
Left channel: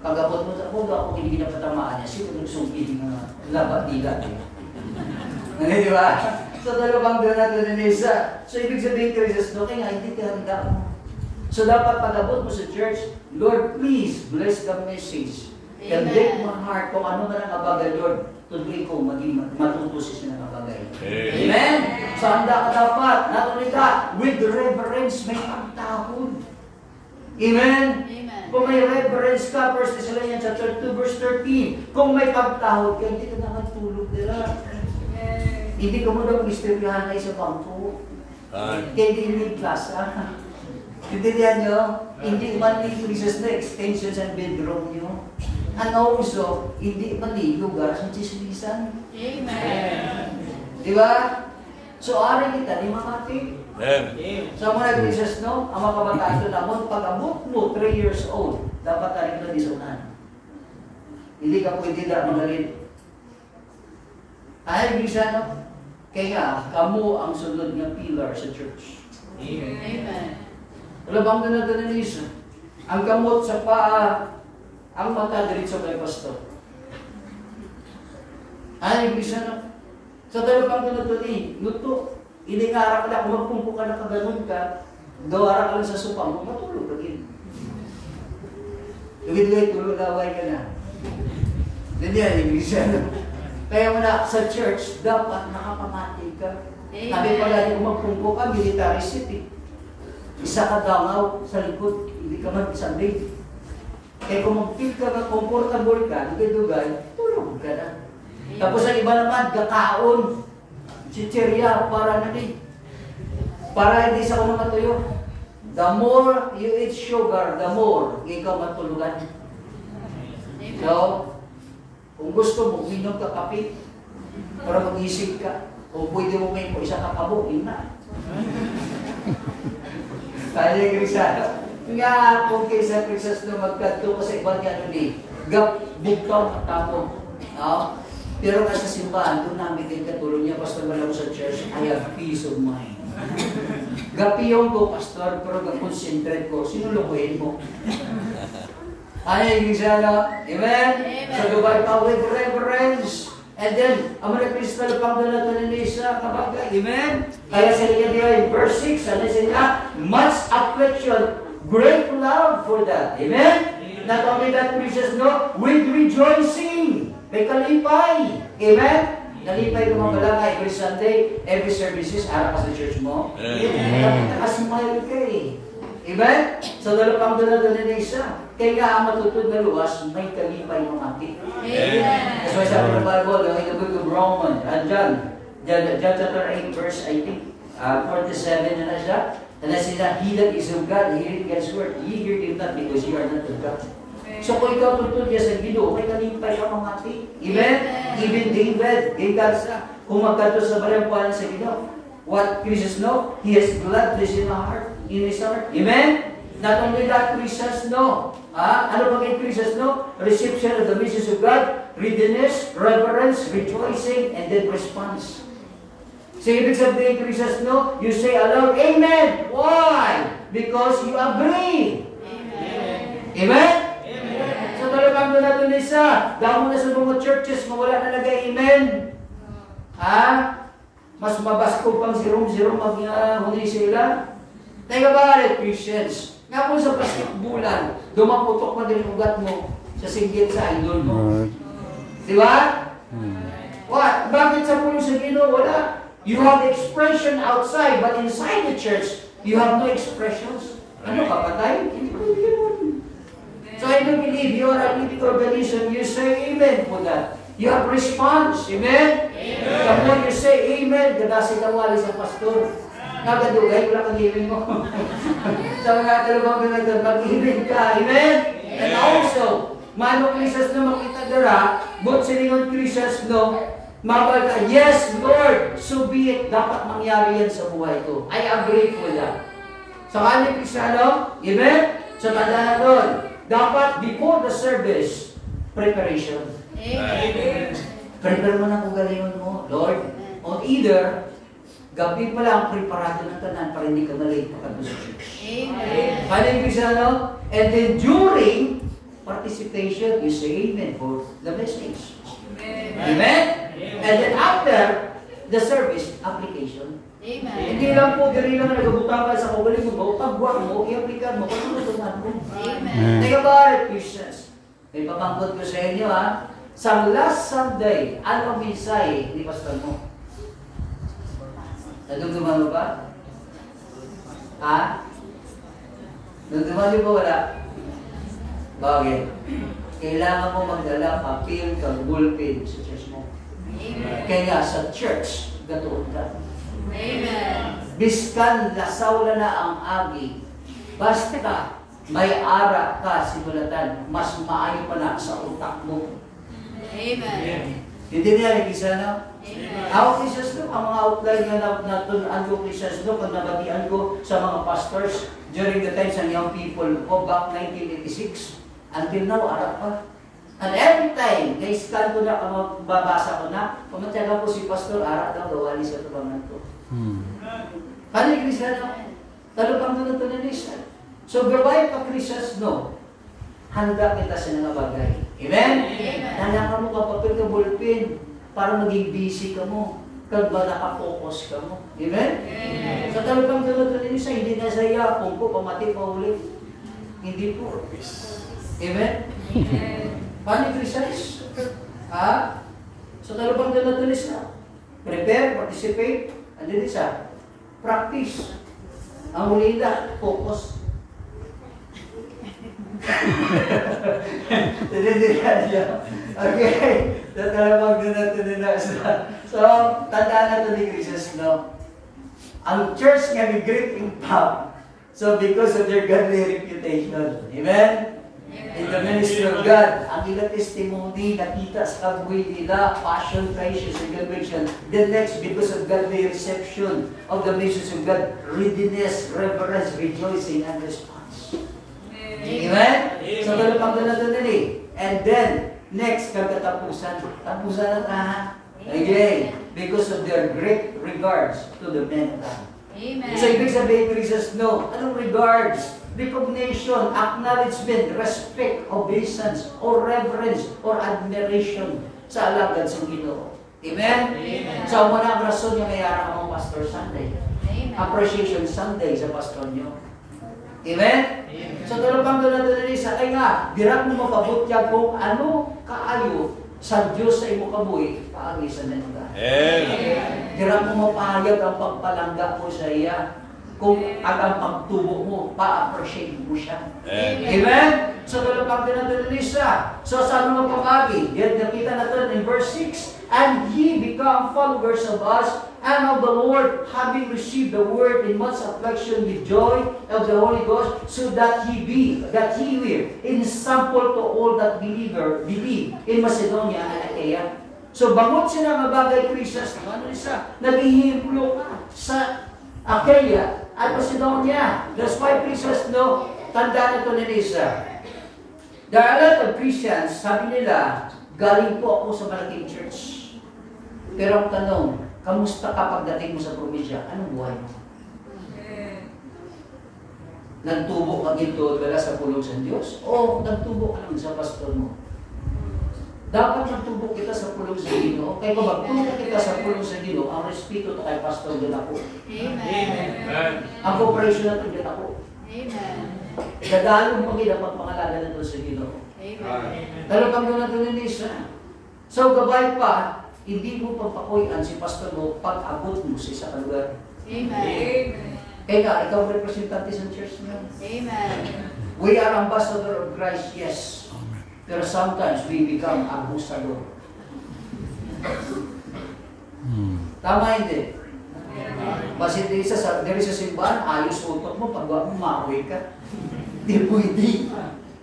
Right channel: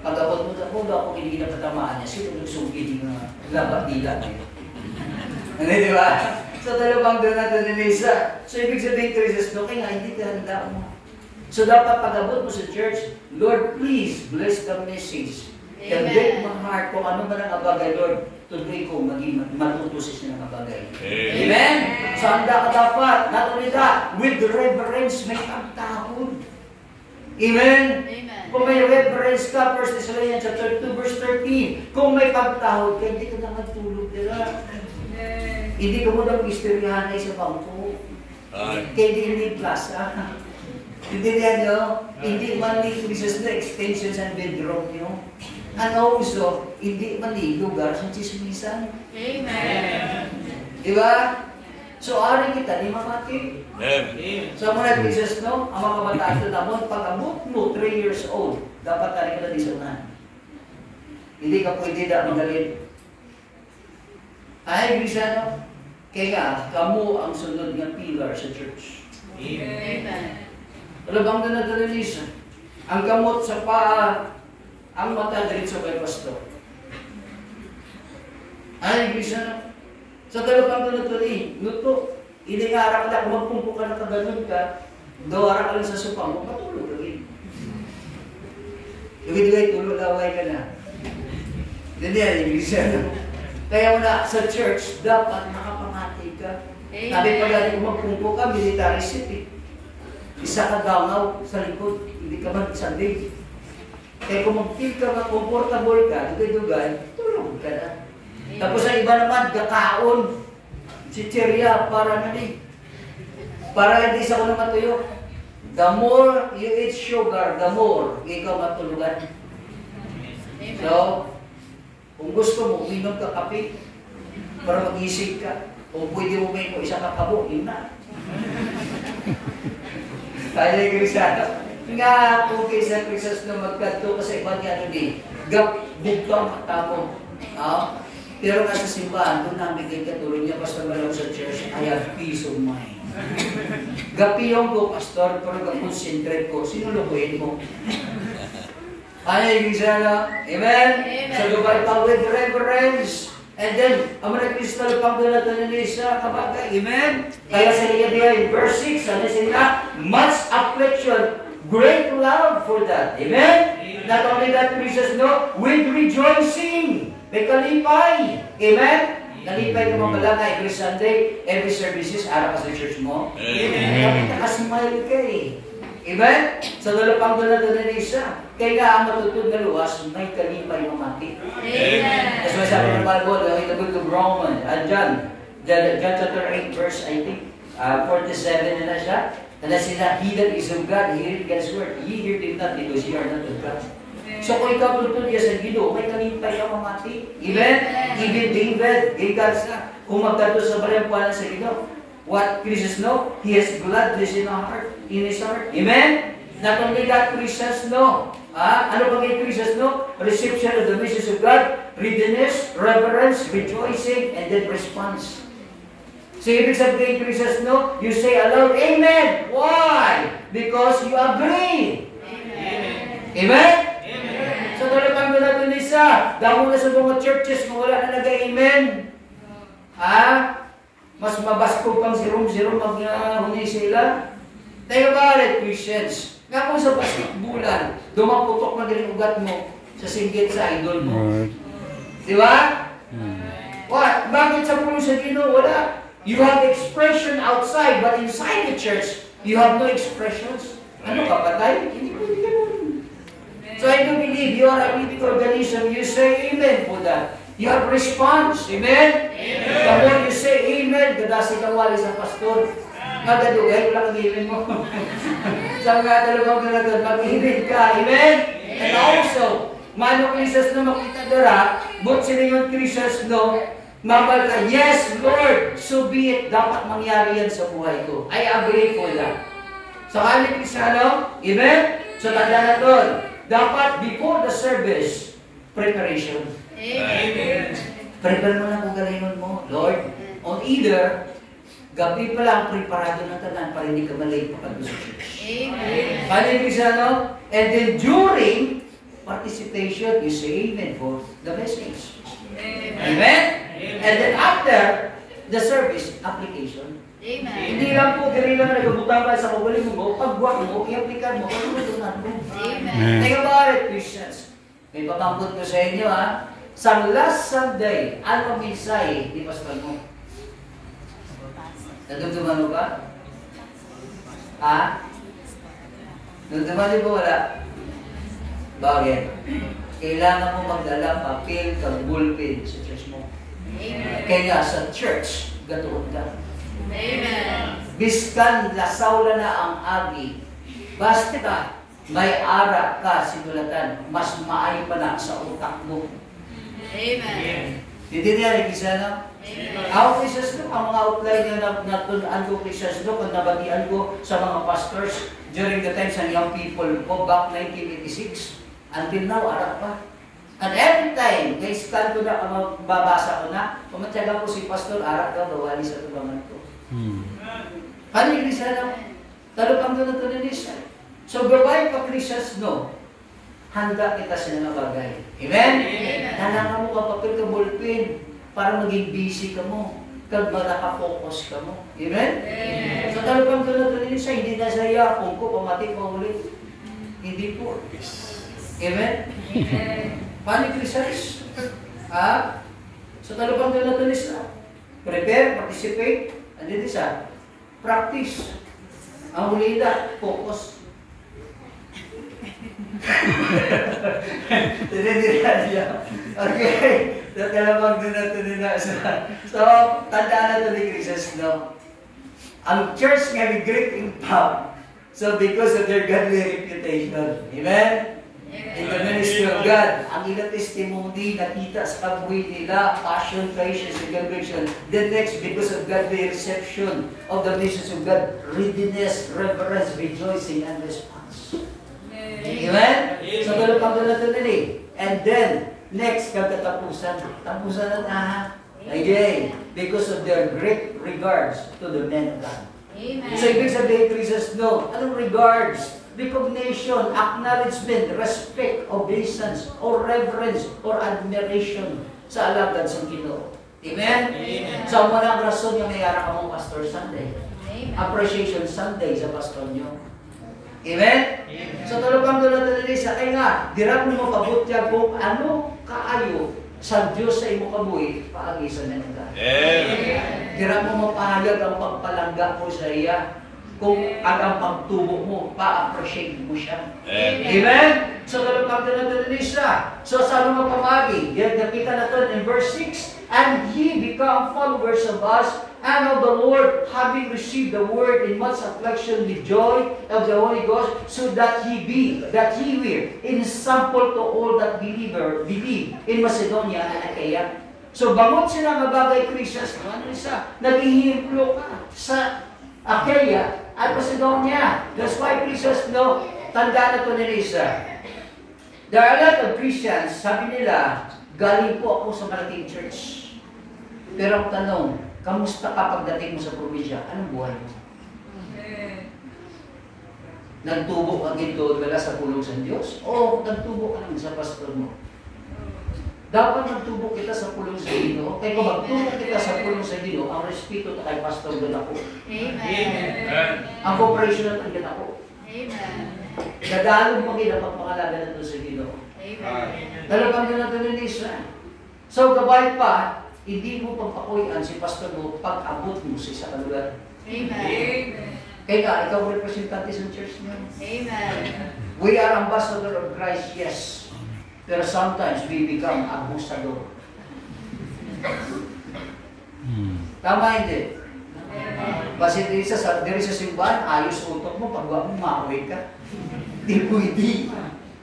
Pag abot mo, ako hindi napatamaan niya, sino nagsugi ng mga labat-dilat? Hindi, di ba? So, dalawang doon natin ni Lisa. So, ibig sabihin, Christus, no, kaya nga, hindi ka handa mo. So, dapat pag-abot mo sa church, Lord, please, bless the message. And break my heart kung ano man ang abagay, Lord, today ko maging matutusin siya ng abagay. Amen? So, handa ka dapat, not only that, with reverence, may pagtahod. Amen? Amen. Kung may reverence ka, 1 Thessalonians chapter 2, verse 13, kung may pagtahod ka, hindi ka na magtulog nila. Hindi ko mo daw istoryahan ay sa bangko. Kaya hindi plaza. Hindi yan nyo. Hindi man ni Christus na extensions and bedroom nyo. And also, hindi man ni lugar sa chismisan. Amen. Diba? So, ari kita ni mamati. Sa mga Christus, no? Ang mga kabataan ito namon, pag abot mo 3 years old, dapat ari ito disunan. Hindi ka pwede na magalit. Ay, Grisano, kaya nga, kamu ang sunod ng pillar sa church. Amen. Wala bang nanadalanis? Ang gamot sa paa, ang mata diretso kay pastor. Ay, Grisano, sa dalawang nanadalanis, luto, hindi nga harap ka na, kung magpumpo ka na kaganon ka, gawara ka lang sa supang, matulog lagi. Ibigay tulo laway ka na. Hindi yan, Grisano. Kaya mo na sa church, dapat nakapamati ka. Sabi pa galing kung magpungko ka, military city. Isa ka gangaw sa likod, hindi ka mag-sandig. Kaya kung mag-feel ka na comfortable ka, dugay-dugay, tulog ka na. Tapos ang iba naman, gakaon. Si Chiria, para nani. Para hindi sa kuno matuyo. The more you eat sugar, the more ikaw matulugan. So, kung gusto mo, uminom ka kape para mag-isig ka. Kung pwede mo may isa kakabo, yun na. Kaya yung Krisyano. Nga kung kaysa Kristus na magkanto kasi ibang ano di, bugtong at tapong. Pero nasa simbahan, doon namin kayo katulong niya, Pastor Malaw sa church, I have peace of mind. Gapiyong ko, Pastor, pero concentrate ko, sinulukuhin mo. Ano yung Krisyano? Amen? So, gabay pa with reverence. And then, ang mga Kristo pang doon natin nila sa kabagay. Amen? Kaya sa liya diya in verse 6, ano sila? Much affliction, great love for that. Amen? Not only that, precious, no? With rejoicing. May kalipay. Amen? Kalipay ko mga lang every Sunday, every services, araw ka sa church mo. Amen? Nakasmile ka eh. Amen? So, dalapang doon na doon nila isa. Kaya nga ang matutod na luwas, may kalipay ng ating. Amen. That's why sabi ng Bible, in the book of Romans, John chapter 8, verse, I think, 47 na siya. And that's that he that is of God, hear God's word. Ye hear him not because ye are not of God. So kung ikaw tutod niya sa Ginoo, may kalipay ng mga ating. Amen? Even David, kung magkanto sa balampalan sa Ginoo, what Christians know, he has gladness in our heart, in his heart. Amen? Not only that, Christians know. Ano bang yung Christians know? Reception of the message of God, readiness, reverence, rejoicing, and then response. So ibig sabihin, Christians know, you say aloud, Amen. Why? Because you agree. Amen? Amen? Amen. So talagang natin isa, dahil na sa mga churches, mawala na nag-amen. Mas mabasko pang zero-zero mag-huli sila. Think about it, Christians. Nga kung sa basketbulan, dumaputok na din ugat mo sa singgit sa idol mo. Right. Di ba? What? Bakit sa pulo sa Ginoo? Wala. You have expression outside, but inside the church, you have no expressions. Ano ka, patay? Hindi ko yun. So I do believe you are a living organism. You say amen for that. You have response. Amen? Amen. The more you say amen, gadasi kang wali sa pastor. Nagadugay, wala kang amen mo. Sa mga dalawang ganagod, mag-amen ka. Amen? And also, mano Christians na makita dira, but sila yung Christians no, mabal ka, yes, Lord, so be it. Dapat mangyari yan sa buhay ko. I agree for that. So, kani Cristiano, amen? So, tanda na doon. Dapat, before the service, preparation. Amen. Prepare mo na kung galingon mo, Lord. On either, gabi pa lang preparado na tanan para hindi ka malate pagkado sa church. Amen. Kani Cristiano? And then during participation, you say amen for the message. Amen? And then after the service, application. Amen. Hindi lang po, dali lang nagabutang ka sa kaguling mo, pagbuwak mo, i-applikan mo, kung tulungan mo. Amen. Think about it, Christians. May pamangkot ko sa inyo, ha? Sa last Sunday, ano ang mensahe ni Pastor mo? Nadugduman mo ba? Ha? Nadugduman niyo ba wala? Bakit? Kailangan mo magdala papel kang bullpen sa church mo. Amen. Kaya sa church, gatuon ka. Amen. Biskan lasawla na ang agi. Basta may ara ka simulatan, mas maayo pa na sa utak mo. Amen. Hindi niya rin isa na? Ako Christians no, ang mga outline na natunaan ko Christians no, kung nabagian ko sa mga pastors during the time sa young people ko back 1986 until now, arap pa. And every time, na-scan ko na, babasa ko na, pumatyaga ko si pastor, arap daw, gawali sa tubangan ko. Kani Christians no? Talupang doon na ito ni Lisa. So, gawai pa Christians no, handa kita sa mga bagay. Amen? Handa mo ka papel ka ballpen para maging busy ka mo. Kag ba naka-focus ka mo. Amen? So, talupang doon na ito ni Lisa, hindi na sa yakong ko, pamati pa ulit. Hindi po. Amen? Paano Christians? Ha? So, talupang doon na ito ni Lisa. Prepare, participate, and then isa, practice. Ang huli na, focus. Okay. Tatalabag doon natin nila. So, tandaan natin ni Christians, no? Ang church nga may great impact. So, because of their godly reputation. Amen? In the ministry of God. Ang ila testimony, nakita sa kabuhi nila, passion, patience, and celebration. The next, because of godly reception of the message of God, readiness, reverence, rejoicing, and response. Amen? So, ganun pang ganun eh. And then, next, kagkatapusan. Tapusan na tahan. Okay. Because of their great regards to the men of God. Amen. So, ibig sabihin, Jesus, no. Anong regards? Recognition, acknowledgement, respect, obeisance, or reverence, or admiration sa alagad sa Ginoo. Amen? Amen. So, muna ang rason yung mayroon ka mong Pastor Sunday. Amen. Appreciation Sunday sa pastor nyo. Amen? Amen. So, tulapang doon natin sa ay nga, dirap mo mapabutya kung ano kaayo sa Diyos sa imo kabuhi, paagisan na nila. Amen. Dirap mo mapahayag ang pagpalangga mo sa iya. Kung ang pagtubo mo, pa-appreciate mo siya. Amen? So, tulapang doon natin siya. So, saan mo pamagi? Yan, nakita natin in verse 6, and ye become followers of us, and of the Lord, having received the word in much affliction with joy of the Holy Ghost, so that he will, in sample to all that believe in Macedonia and Achaia. So, bangot sila nga bagay Christians, ano siya? Nag-ihimplo ka sa Achaia at Macedonia. That's why Christians know, tanda na ito ni Lisa. There are a lot of Christians, sabi nila, galing po ako sa malaking church. Pero ang tanong, kamusta ka pagdating mo sa probinsya? Anong buhay mo? Nagtubo ka dito wala sa pulong sa Diyos? O nagtubo ka naman sa pastor mo? Dapat nagtubo kita sa pulong sa Ginoo. Kaya kung magtubo kita sa pulong sa Ginoo, ang respeto kay pastor din ako. Amen. Ang cooperation natin din ako. Amen. Dadalong mo kita pagpangalaga natin sa Ginoo. Amen. Dalo kami natin ni Israel. So, gabay pa, hindi mo papakuyan si pastor mo pag-abot mo sa isa kalugar. Amen. Kaya nga, ikaw representante sa church niyo. Amen. We are ambassador of Christ, yes. Pero sometimes we become abusador. Tama hindi? Kasi diri sa simbahan, ayos utok mo, pag mo maaway ka. Di pwede.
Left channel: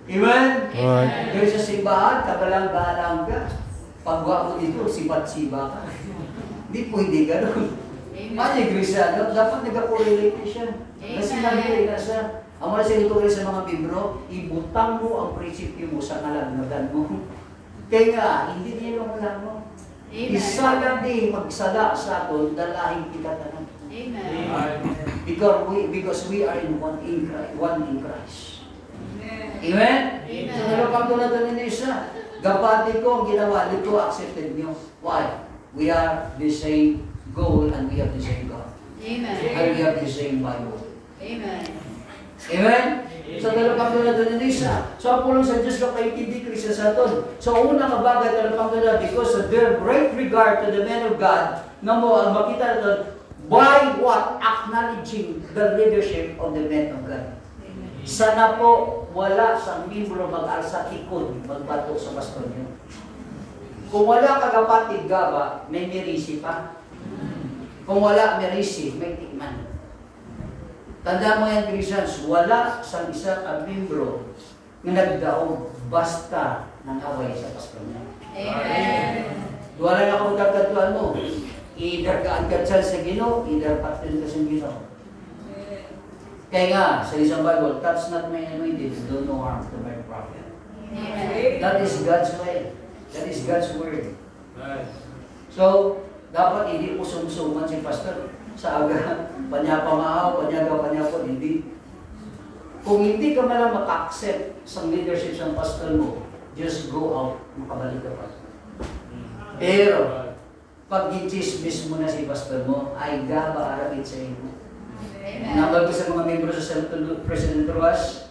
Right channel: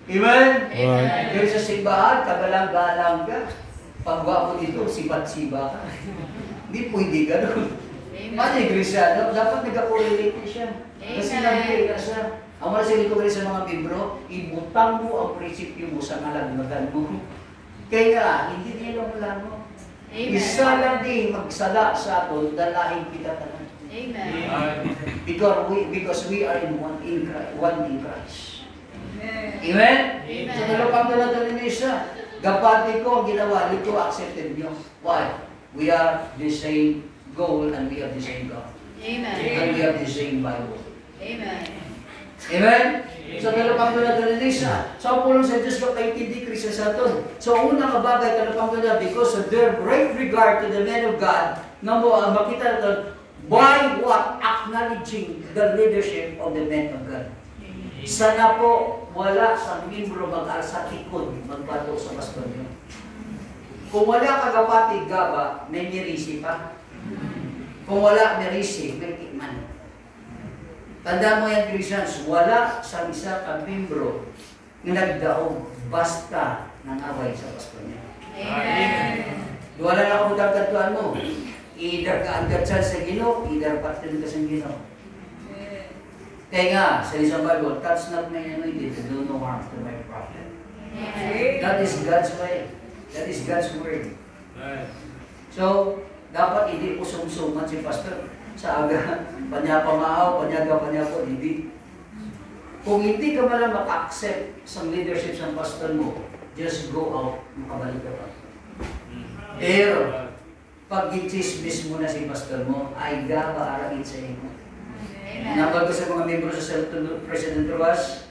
Amen? Right. Diri sa simbahan, kagalang-galang ka. Pag mo dito, sibat-siba ka. Di pwede ka doon. Mani Cristiano, dapat nag-correlate siya. Kasi nabili ka siya. Ang mga sinipagay sa mga membro, ibutang mo ang prinsipyo mo sa ngalagnagan mo. Kaya hindi nila wala mo. Isa lang din magsala sa aton, dalahin kita tanan. Amen. Because we are in one in Christ. Amen? Amen. So, nalapang talaga na siya. Gapati ko, ginawa nito, accepted nyo. Why? We are the same goal and we have the same God. Amen. And we have the same Bible. Amen. Amen? So, dalapang na na siya. So, ang pulong sa Diyos ka paintindi Kristo sa aton. So, una nga bagay, dalapang na because of their great regard to the men of God, na mo ang makita natin, by what? Acknowledging the leadership of the men of God. Sana po, wala sa membro mag-alsa tikod, magbato sa pastor niyo. Kung wala ka kapatid gaba, may mirisi pa. Kung wala mirisi, may tikman. Tanda mo yan, Christians, wala sa isa ka membro na nagdaog basta nangaway sa pastor niya. Amen. Wala na akong tagkatuan mo. Either ka agad sa Ginoo, either partner ka sa Ginoo. Kaya nga, sa isang Bible, touch not my anointed and do no harm to my prophet. That is God's way. That is God's word. So, dapat hindi po sumsuman si pastor sa aga, panyapa maaw, panyaga-panyapo, hindi. Kung hindi ka man maka-accept sa leadership sa pastor mo, just go out, makabalik ka pa. Pero, pag i-chismis mo na si pastor mo, ay gaba-arapin sa iyo. Nanggal ko sa mga membro sa President Ruas,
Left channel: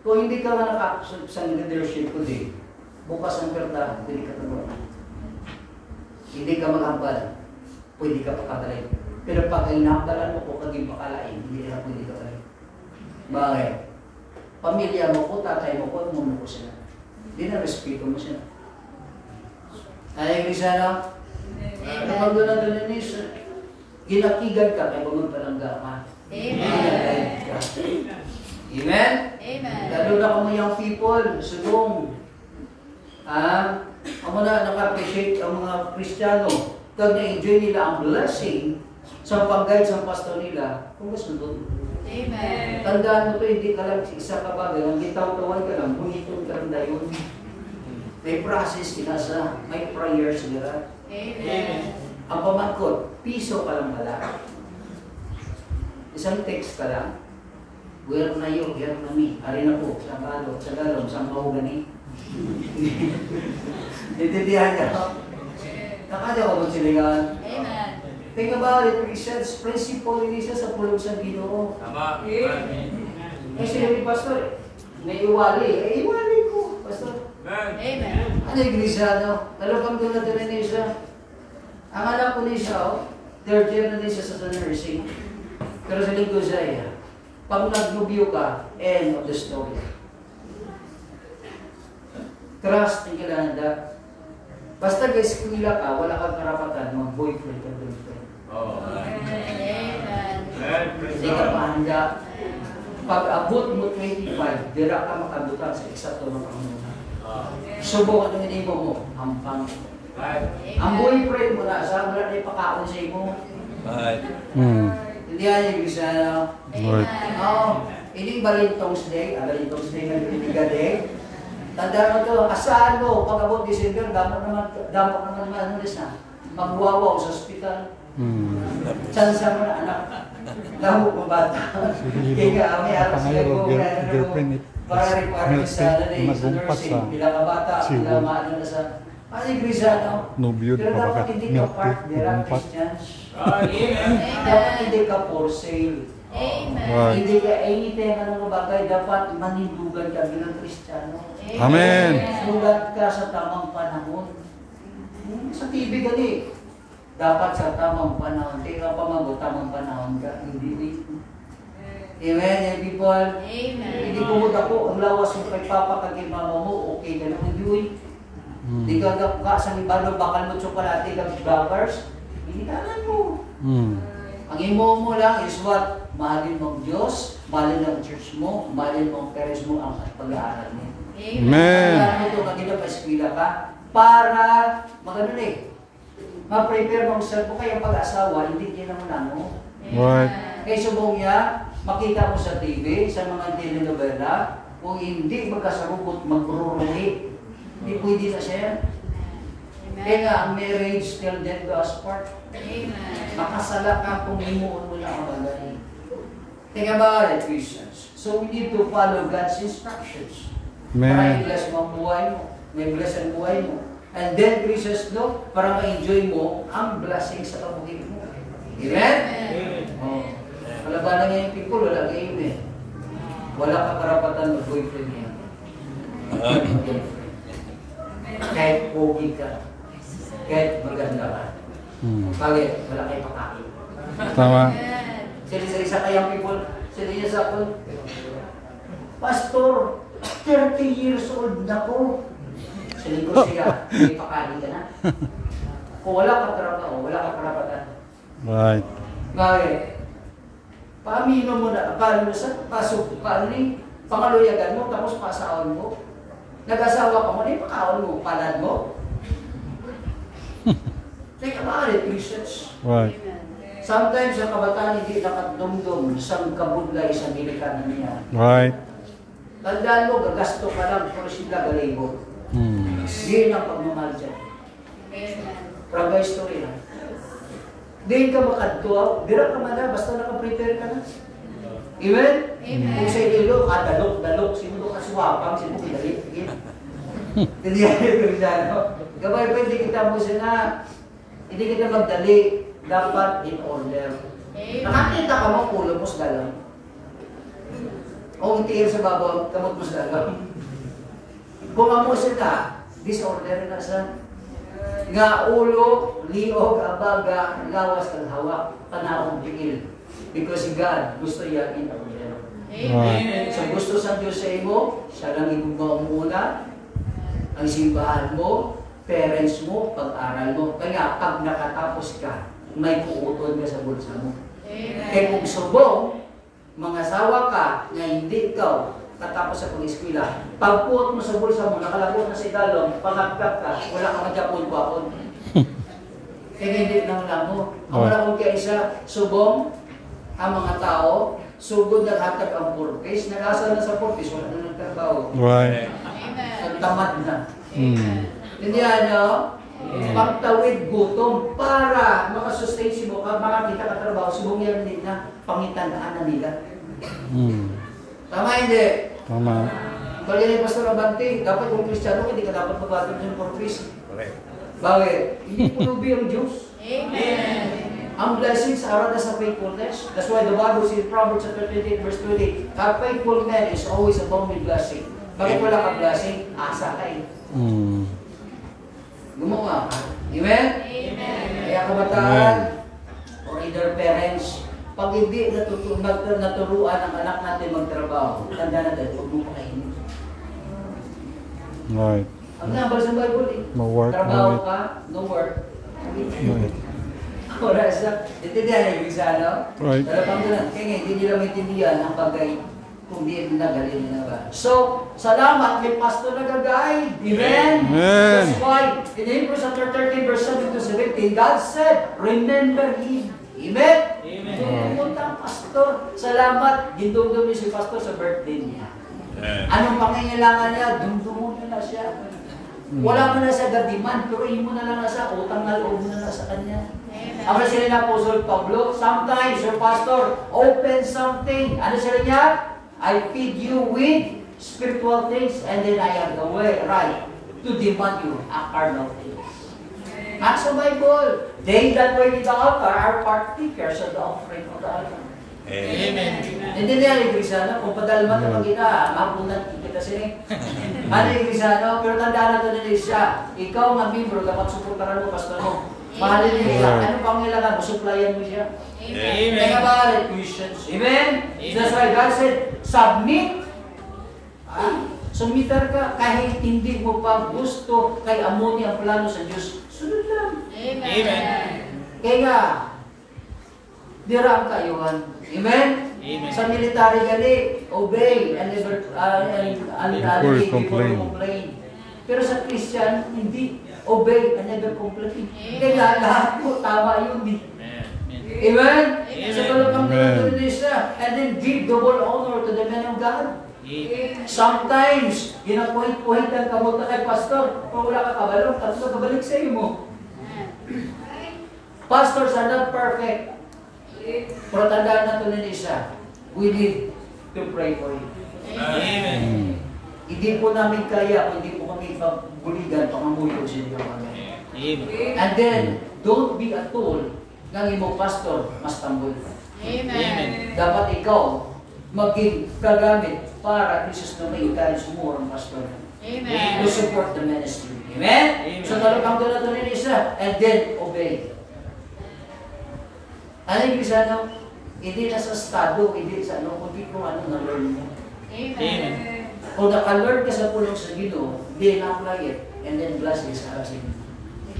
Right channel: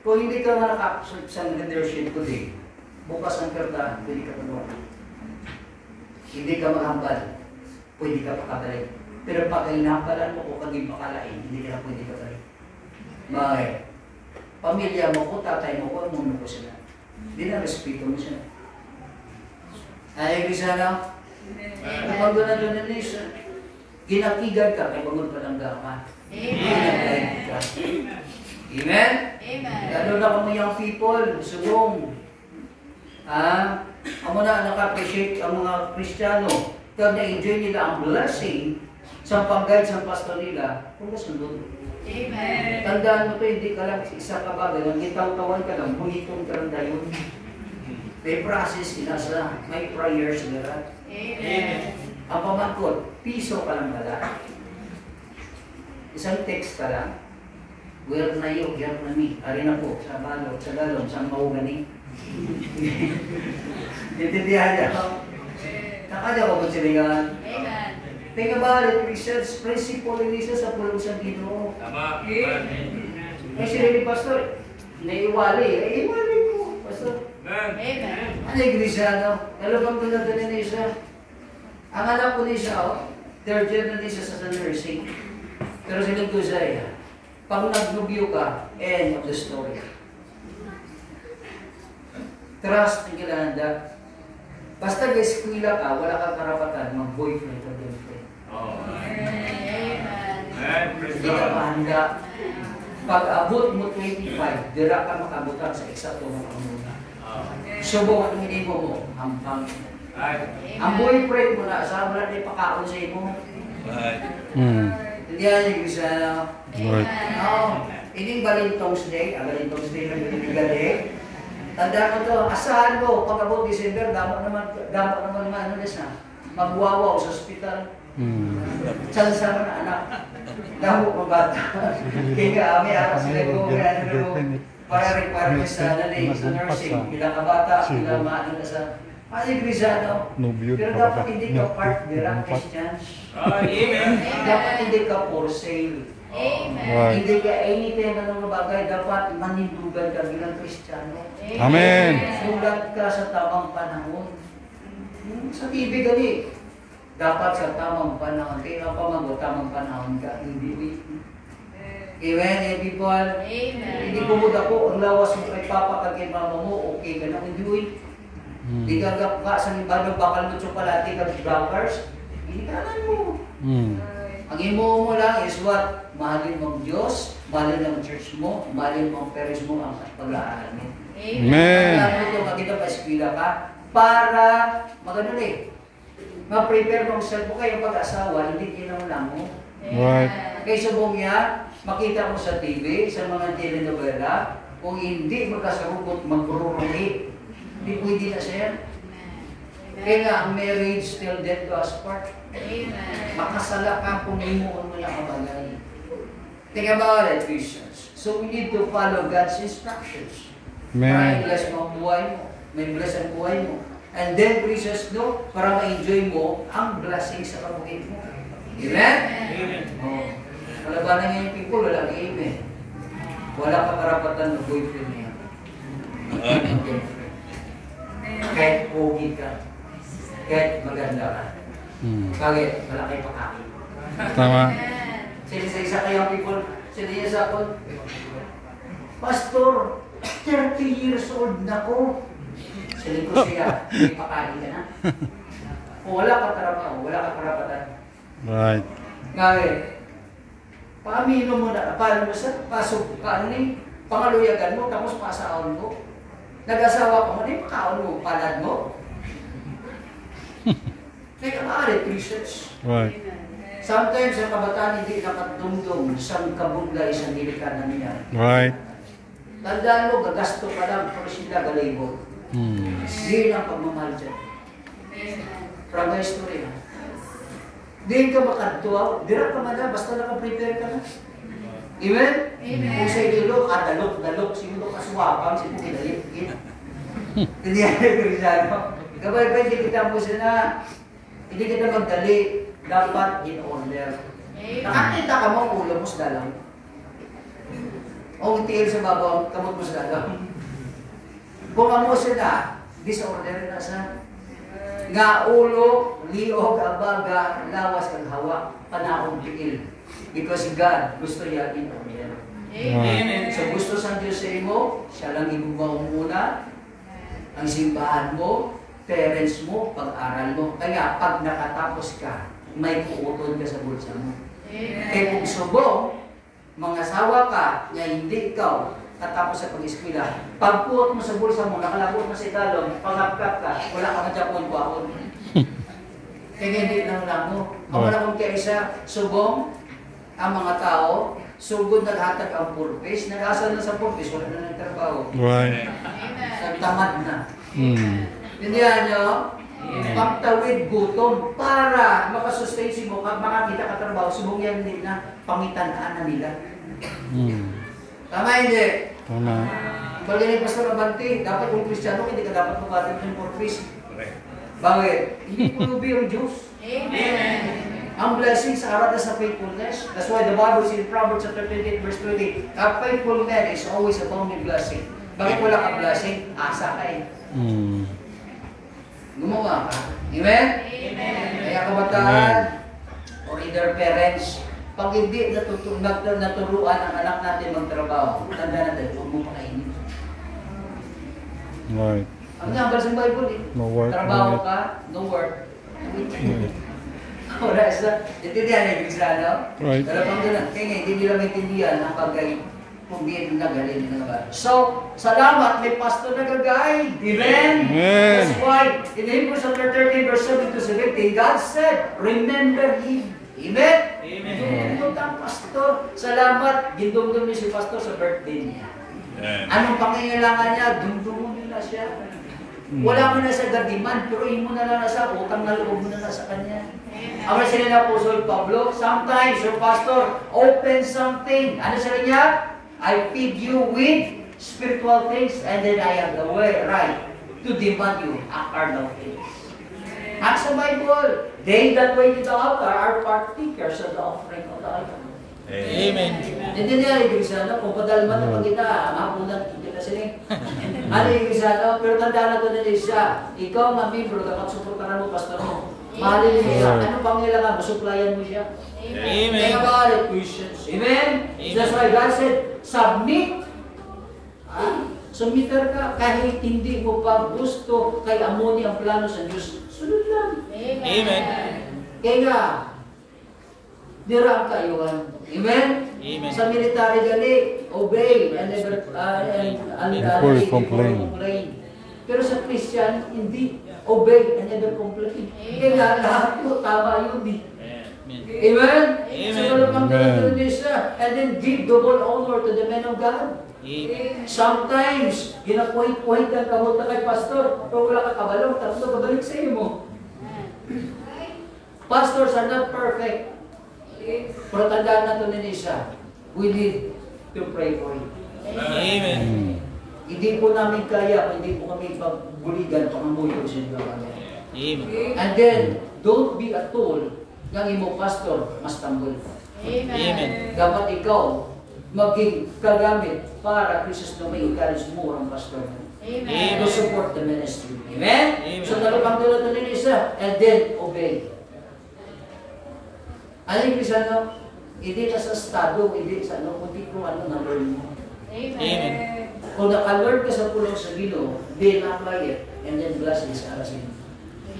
kung hindi ka man naka-accept sa leadership ko din, bukas ang kartahan, pwede ka pagbawa. Hindi ka maghambal, pwede ka pakabalik. Pero pag inahambalan mo o pag ipakalain, hindi ka na pwede ka balik. Bakit? Pamilya mo ko, tatay mo ko, umuno ko sila. Hindi na respeto mo sila. Ay, Krisana, kapag doon na doon na nisa, ginakigan ka, kaya pagod ka ng gama. Amen. Amen? Amen. Lalo na kami yung people, sulong. Ang mga naka-appreciate ang mga Kristiyano, kag na-enjoy nila ang blessing sa pag-guide sa pastor nila, kung gusto doon. Amen. Tandaan mo ito, hindi ka lang isa ka bagay, ang gitaw-tawan ka lang, bunitong ka lang yun. May process sila may prayer sila. Amen. Ang pamangkot, piso ka lang pala. Isang text ka lang. Where na yun, here na me. Ari na po, sa galong, sa mahugani. Intindihan niya. Nakanya ko ba silingan? Amen. Think about it, Christians, principle ni Jesus sa pulong sa Ginoo. Tama. Ay sila ni Pastor, naiwali. Iwali ko, Pastor. Amen. Ano yung Grisano? Nalabang ko na doon ni siya. Ang alam ko ni siya, third year na din siya sa nursing. Pero sa linggo siya, pag nagnubyo ka, end of the story. Trust ang kailangan. Basta eskwela ka, wala kang karapatan mag-boyfriend o girlfriend. Amen. Hindi ka mahanda. Pag abot mo 25, dira ka makabutan sa eksakto ng kamuna. Subok ang inibo mo, hampang. Ang boyfriend mo na, saan mo na ipakaon sa imo? Hindi yan yung gusto na. Right. Ining Valentine's Day, Valentine's Day na binigay. Tandaan mo ito, asahan mo, pag abot December, damot naman ano na, magwawaw sa ospital. Saan sama na anak? Damot ng bata. Kaya kami, aras na ko, para require sa nursing, ilang ka bata, ilang maano na sa, Grisano. Pero dapat hindi ka part, dira Christians. Dapat hindi ka for sale. Amen. Hindi ka anything na mga bagay, dapat manindugan ka bilang Kristiyano. Amen. Sulat ka sa tamang panahon. Sa TV gani, dapat sa tamang panahon. Kaya pamago, tamang panahon ka, hindi wait. Amen, people. Amen. Hindi kumod ako, ang lawas mo kay Papa kag kay Mama mo, okay ka na, hindi wait. Di ka ka sa libarno, bakal mo tsokolate kag blackers, hindi ka alam mo. Ang imo mo lang is what? Mahalin mo ang Diyos, mahalin ang church mo, mahalin mo ang parents mo, ang pag-aaral mo. Amen. Kaya ito, maganda pa eskwila ka, para, magano ma-prepare mo sa mo kayong pag-asawa, hindi kinamuna mo. Right. Kaya subong niya, makita mo sa TV, sa mga telenovela, kung hindi magkasarupot, magrurumi, hindi pwede na siya. Kaya nga, ang marriage till death do us part. Makasala ka kung imuon mo na kabagay. Think about it, Christians. So we need to follow God's instructions. Para Amen. i-bless mo ang buhay mo. May bless ang buhay mo. And then, Christians, no, para ma-enjoy mo ang blessing sa pamugit mo. Amen? Amen. Oh. Wala ba na ngayon people? Wala ka amen. Wala ka karapatan mag-boyfriend niya. Kahit pogi ka. Kahit maganda ka. Bakit? Wala kayo pakain. Tama. Sila sa isa kayang people, sila niya sa ako, Pastor, 30 years old na ko. Sila ko siya, may pakain ka na. Kung wala ka karapatan, wala ka karapatan. Right. Ngayon, paamino mo na, paano mo sa pasok ka, pangaluyagan mo, tapos pasaon mo. Nag-asawa ka mo, di pakaon mo, palad mo. Think about it, Christians. Right. Sometimes ang kabataan hindi nakatungtong isang kabudla, isang delikada niya. Right. Tandaan mo, gagasto ka lang para sila galibot. Hindi lang pagmamahal dyan. Praga history lang. Hindi ka makadtuaw, dira ka man na, basta nakaprepare ka na. Amen? Amen. Kung sa inyo, dalok, sino ka sumapang, sino kinalit. Hindi yan yung ano. Gabay pa, hindi kita mo sila, hindi kita magdali, dapat in order. Nakakita ka mo, ulo mo sa dalang. O tingin sa babaw, kamot mo sa dalang. Kung mo sila, disorder na sa nga ulo, liog, abaga, lawas ang hawa, panahon tigil. Because God gusto yan in order. Right. So gusto sa Diyos sa imo, siya lang ibugaw muna, ang simbahan mo, parents mo, pag-aral mo. Kaya pag nakatapos ka, may puuton ka sa bulsa mo. Kaya kung subong, mga asawa ka, na hindi ikaw katapos sa pag-eskwela. Pagpuot mo sa bulsa mo, nakalagot na sa galon, pangagkat ka, wala ka madyapon-pahon. Kaya hindi lang mo. Ang malakong kaisa, subong ang mga tao, sugod na hatag ang purpose, nag-asa na sa purpose, wala na nagtrabaho. Right. Nagtamad na. Hindi nyo? Pagtawid gutom para makasustain si mo, kag mga kita katrabaho, subong yan din na pangitan na nila. Tama hindi? Tama. Bali ni Pastor Abante, dapat kung Kristiyano, hindi ka dapat mabatid ng purpose. Bakit? Hindi pulubi ang Diyos. Amen. Ang blessings are sa faithfulness. That's why the Bible says in Proverbs chapter 28 verse 20, a faithful man is always abounding blessing. Bakit wala ka blessing? Asa ka eh. Gumawa ka. Amen? Amen. Kaya kabataan, or either parents, pag hindi naturuan ang anak natin magtrabaho, tanda natin, huwag mo pakainin. Right. Ang nabal sa Bible eh. No work, no Trabaho eat. ka, no work. Right. Oras na. Intindihan na yung isa, no? Right. Pero pang doon, kaya nga, hindi nila maintindihan ang bagay kung di nagaling nila. So, salamat, may pastor na gagay. Amen? Amen. That's why, in Hebrews chapter 13, verse 7 to 17, God said, remember Him. Amen? Amen. Pumunta ang pastor. Salamat, gindumdum niyo si pastor sa birthday niya. Anong pangangailangan niya? Dumdumon niyo na siya. Wala mo na sa gadiman, pero mo na lang sa utang na loob mo na sa kanya. Ang sila na Apostol Pablo, sometimes your pastor open something. Ano sila niya? I feed you with spiritual things and then I have the way right to demand you a carnal things. Ask the Bible, they that wait in the altar are partakers of the offering of the altar. Amen. Hindi niya yung Grisano, kung padalman naman kita, mapunan kita sila. Ano yung Grisano? Pero tandaan na ito na siya. Ikaw, mamibro, dapat suportaran mo, pastor mo. Mahalin niyo siya. Ano pang kailangan mo? Supplyan mo siya. Amen. Kaya ba, Christians? Amen? That's why God said, submit. Sumitar ka kahit hindi mo pa gusto kay amoni ang plano sa Diyos. Sunod lang. Amen. Kaya, dira ang kayuhan. Amen? Amen. Sa military gali, obey and never complain. Pero sa Christian, hindi. Obey and never complain. Kaya lahat mo tama yun. Amen? Sa kalapang Amen. and then give double honor to the men of God. Sometimes, ginapuhit-puhitan ka mo kay pastor, pero wala ka kabalong, tatlo kabalik sa iyo mo. Pastors are not perfect. Pero tandaan na ito na isa, we need to pray for you. Amen. Hindi po namin kaya kung hindi po kami pagbuligan, pangamuyod sa inyo. Amen. And then, don't be a tool ng imo pastor, mas tambol. Amen. Dapat ikaw maging kagamit para Jesus na may encourage mo ang pastor. Amen. To support the ministry. Amen? Amen. So talupang tulad ito ni isa, and then obey. Ano yung Krisano? Hindi na sa estado, hindi sa ano, kundi kung ano na-learn mo. Amen. Kung naka-learn ka sa pulong sa Ginoo, then apply it, and then bless this asin.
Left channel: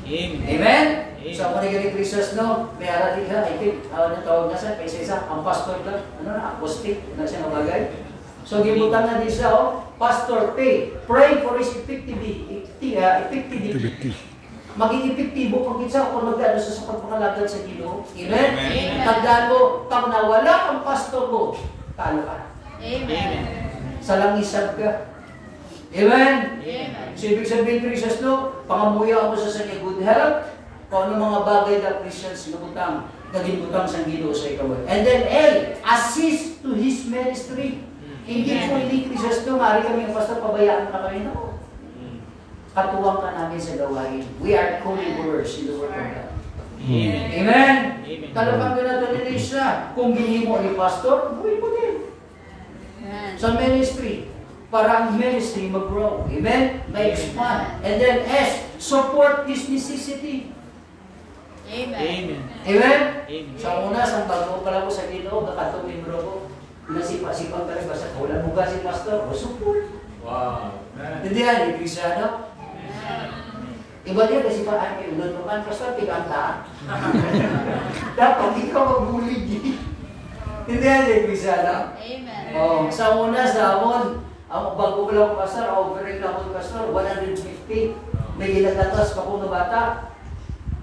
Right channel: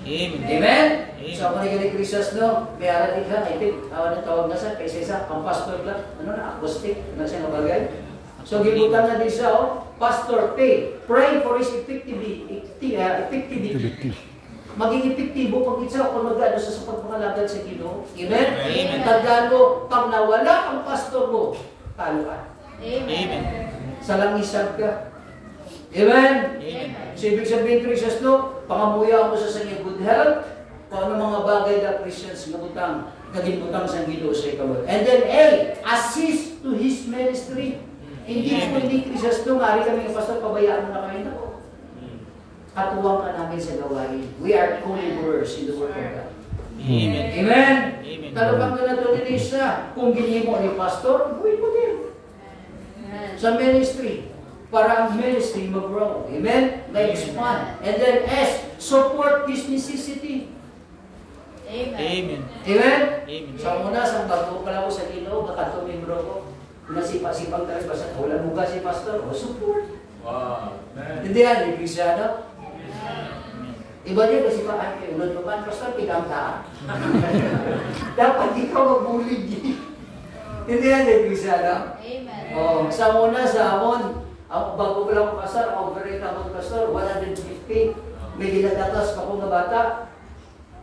Amen. Amen? So, ako ni Christos, no? May alali ka, I think, ano tawag na sa, kaysa isa, ang pastor ka, ano na, acoustic, na siya nabagay. So, gibutan na din siya, oh, pastor, pray for his effectivity. Maging epektibo pag isa kung mag-ano sa pagpakalagad sa Ginoo. Amen? Amen. Tandaan mo, pag nawala ang pastor mo, talo ka. Amen. Sa langisad ka. Amen? Amen. So, ibig sabihin, Christians, no? Pangamuya mo sa kanya good health, kung ano mga bagay na Christians nagutang, naging sa Ginoo sa ikaw. And then, assist to His ministry. Hindi po hindi Christians, no? Mari kami yung pastor, pabayaan mo na kami, no? Katuwang ka namin sa gawain. We are co-laborers in the work of God. Amen. Amen? Amen. Talupang ko na ito ni Lisa. Kung ginimo ni pastor, buhay mo din. Sa ministry. Para ang ministry mag-grow. Amen? May-expand. And then S, support his necessity. Amen. Amen? Amen. Sa una, sa bago pala ko sa Ginoo, nakatungin bro ko. Nasipa-sipag talaga sa kulan. Buga si pastor, o support. Wow. Hindi yan, ni Cristiano. Iba din kasi pa, ay, ulod mo man, pastor, pigang ka. Dapat ikaw magbulig. Hindi yan, ni Cristiano. Amen. Oh, sa una, sa amon, Ang bago ko lang pastor, overrate lang ako pastor, 150. May ginagatas pa ko na bata.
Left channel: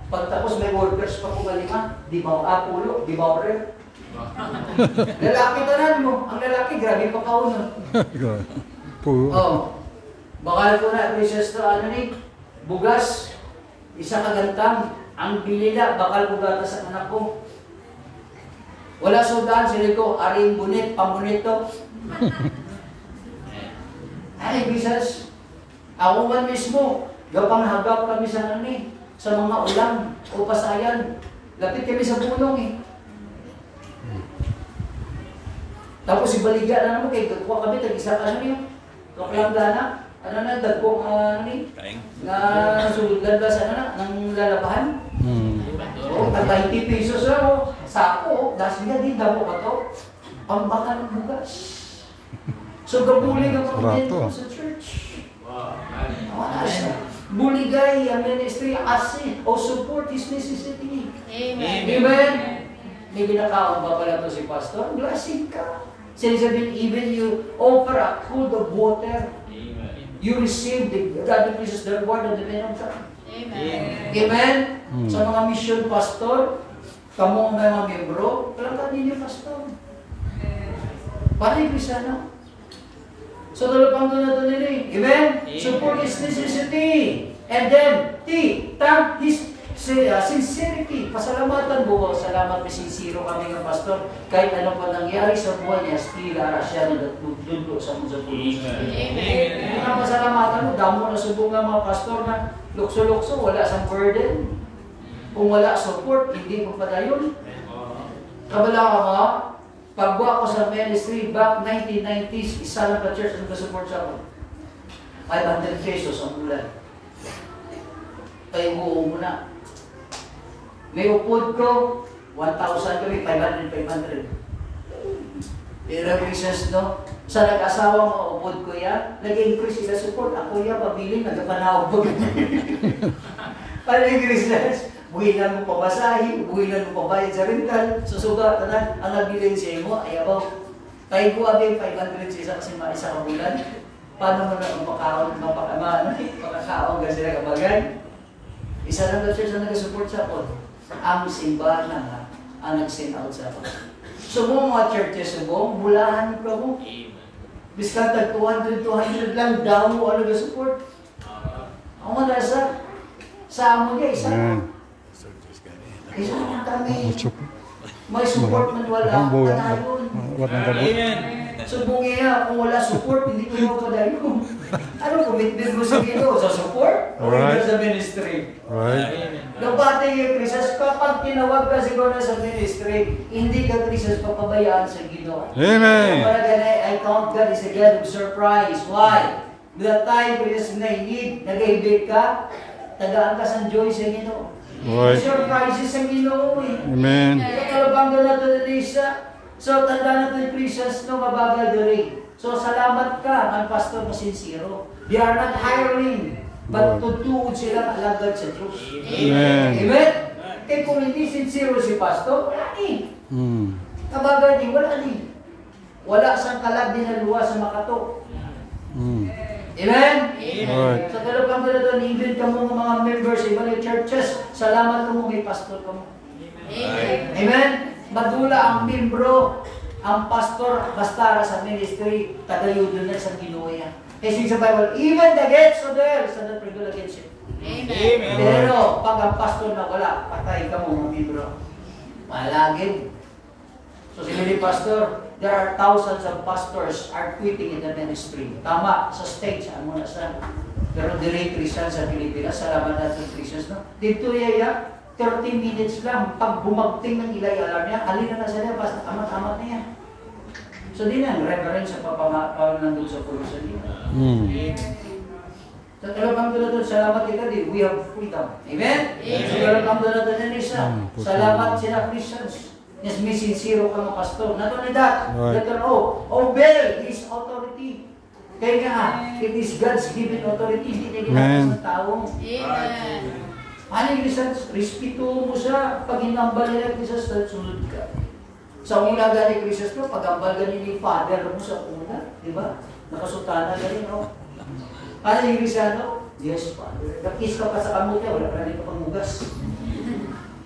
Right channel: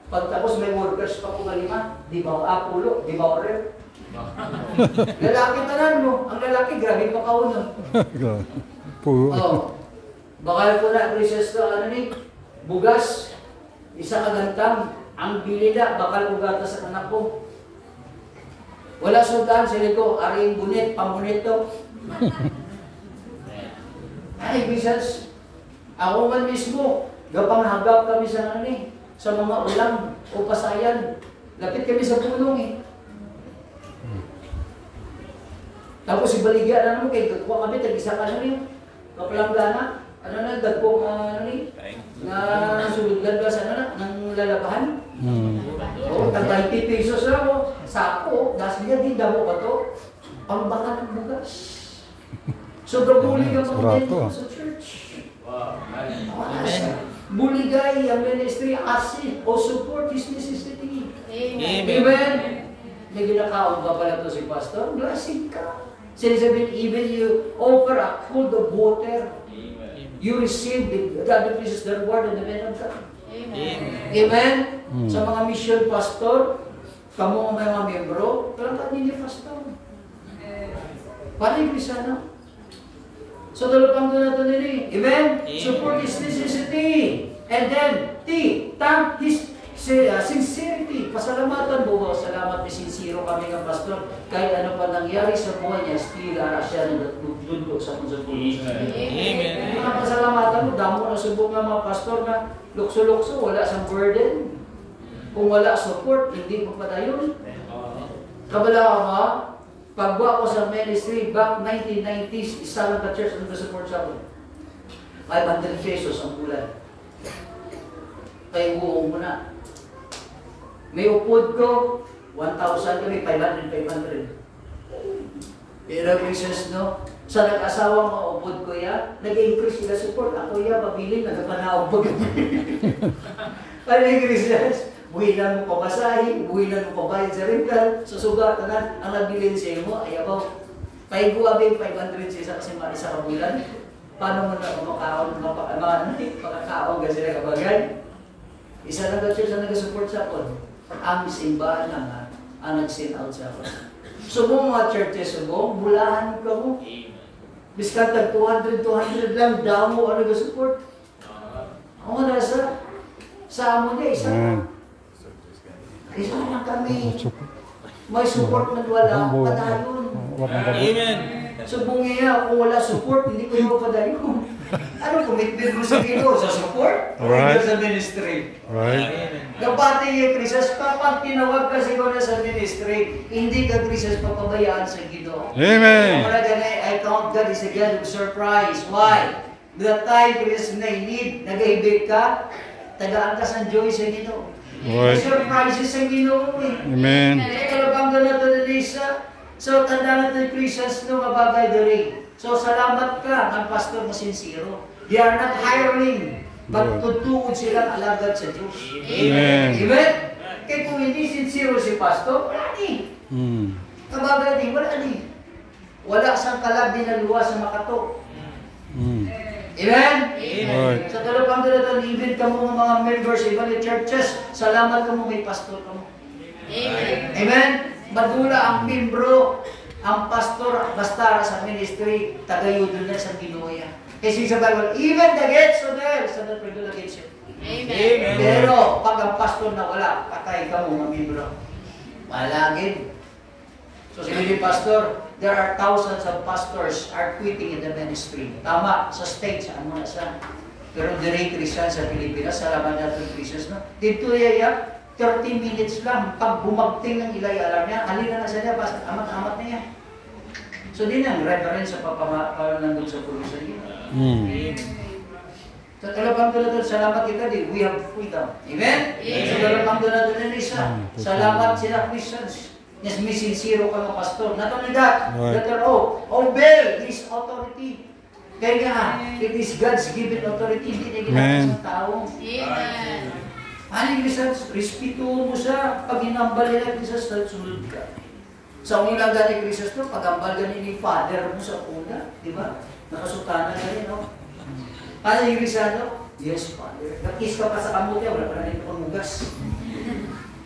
Pagtapos may workers pa ko malima. Di ba pulo, di ba rin? Lalaki tanan mo. Ang lalaki, grabe pa kauno. Puro. Oh. Bakal ko na precious to ano ni bugas. Isa kagantang. Ang bilila, bakal ko gata sa anak ko. Wala sudan, sila ko, aring bunit, pamunit to. Ay, Jesus, ako man mismo, gapang hagap kami sa nani, sa mga ulam o pasayan. Lapit kami sa punong eh. Tapos ibaligya na naman kay dagwa kami, tag-isa ano niyo, kapalanggana, ano na, dagpo ni, na suluglan ba sa ano na, ng lalabahan. O, tag 90 pesos lang o, sako, dahil niya di damo ka to, pambangan ng bugas. So, gabulig ang mga dito sa church. Buligay ang ministry assist o support his necessity. Amen. May ginakaon ba pala ito si pastor? Blessing ka. Sinasabihin, even you offer a pool of water, you receive the God of Jesus, the word of the man of God. Amen. Sa mga mission pastor, kamo may mga membro, kalangkan ninyo pastor. Para yung Kristiano. So, dalapang doon na ito nila. Amen? Support his necessity. And then, thank his sincerity. Pasalamatan mo. Salamat na sincero kami ng pastor. Kahit ano pa nangyari sa buhay niya, still ara siya na nagdudlo sa mga pulis. Amen. Kung na pasalamatan mo, damo na subong ng mga pastor na lukso-lukso, wala sang burden. Kung wala support, hindi mo padayon. Kabala ka mga, pagbuha ko sa ministry, back 1990s, isa lang ka church ang nag-support sa ako. 500 pesos ang bulan. Kaya buo mo na. May upod ko, 1,000 kami, 500. Pero Jesus, no? Sa nag-asawa mo, upod ko yan, nag-increase sila support. Ako yan, pabiling, nagkapanawag pa. Ano yung Jesus? Buhilan mo pabasahin, buhilan mo pabayad sa rental, susugatan na, ang nabilin siya mo, ayabaw. Kaya guwabi yung 500 sa isa kasi isa ka bulan. Paano mo na makakaon ka sila kabagay? Isa lang ka church na nag-support sa ako. Ang simbahan na ang nag-send out sa ako. So mga churches mo, bulahan ka mo. Biskan tag 200 lang, daw mo ang nag-support. Ako na sa amo niya, isa. Isa lang kami. May support na wala. Kadayon. Amen. Subungi nga, kung wala support, hindi ko yung kadayon. Ano commitment mo sa Ginoo? Sa support? Alright. O sa ministry? Right. Nabati yung Krisas, kapag tinawag ka siguro sa ministry, hindi ka Krisas papabayaan sa Ginoo. Amen. I count God is a God of surprise. Why? The time Krisas na need, nag-ibig ka, tagaan ka sa joy sa Ginoo. Right. Surprises ang Ginoo eh. Amen. Kaya kalabang na ito na Lisa. So, tanda natin Christians no mabagay diri. So, salamat ka ang pastor mo sincero. They are not hiring, but tutuod silang alagad sa Diyos. Amen. Amen? Kaya kung hindi sincero si pastor, wala ni. Kabagay din, wala ni. Wala sang kalabi na luwa sa makato. Amen? Right. Sa kalupang dito, even ka mo mga members, even the churches, salamat ka mo, may pastor ka mo. Amen? Madula ang membro, ang pastor, basta sa ministry, tagayudo na sa Ginoya. Kasi sa Bible, even the gates of there, sa not regular against it. Amen. Pero, pag ang pastor na wala, patay ka mo, mga membro. Malagin. So, sabi ni pastor, there are thousands of pastors are quitting in the ministry. Tama, sa stage, ano na sa. Pero direct Christian sa Pilipinas, salamat natin Christians, no? Dito yaya, 30 minutes lang, pag bumagting ng ilay-alar niya, halina na sa niya, basta amat-amat na yan. So, din ang reference sa papanangod sa purusan niya. Sa talapang doon natin, salamat kita din, we have freedom. Amen? Sa talapang doon natin na isa, salamat sila Christians. Yes, may sincero ka mga pastor. Not only that, letter O, obey His authority. Kaya nga, it is God's given authority, hindi ginagawa sa tao. Amen. Ano yung Christians? Respeto mo siya. Pag hinambal nila Christians, sunod ka. Sa una gani Christians, pag-ambal gani ni Father mo sa una, di ba? Nakasutana na rin, no? Ano yung Grisano? Yes, Father. Nakis ka pa sa kamuti, wala pa na rin pangmugas.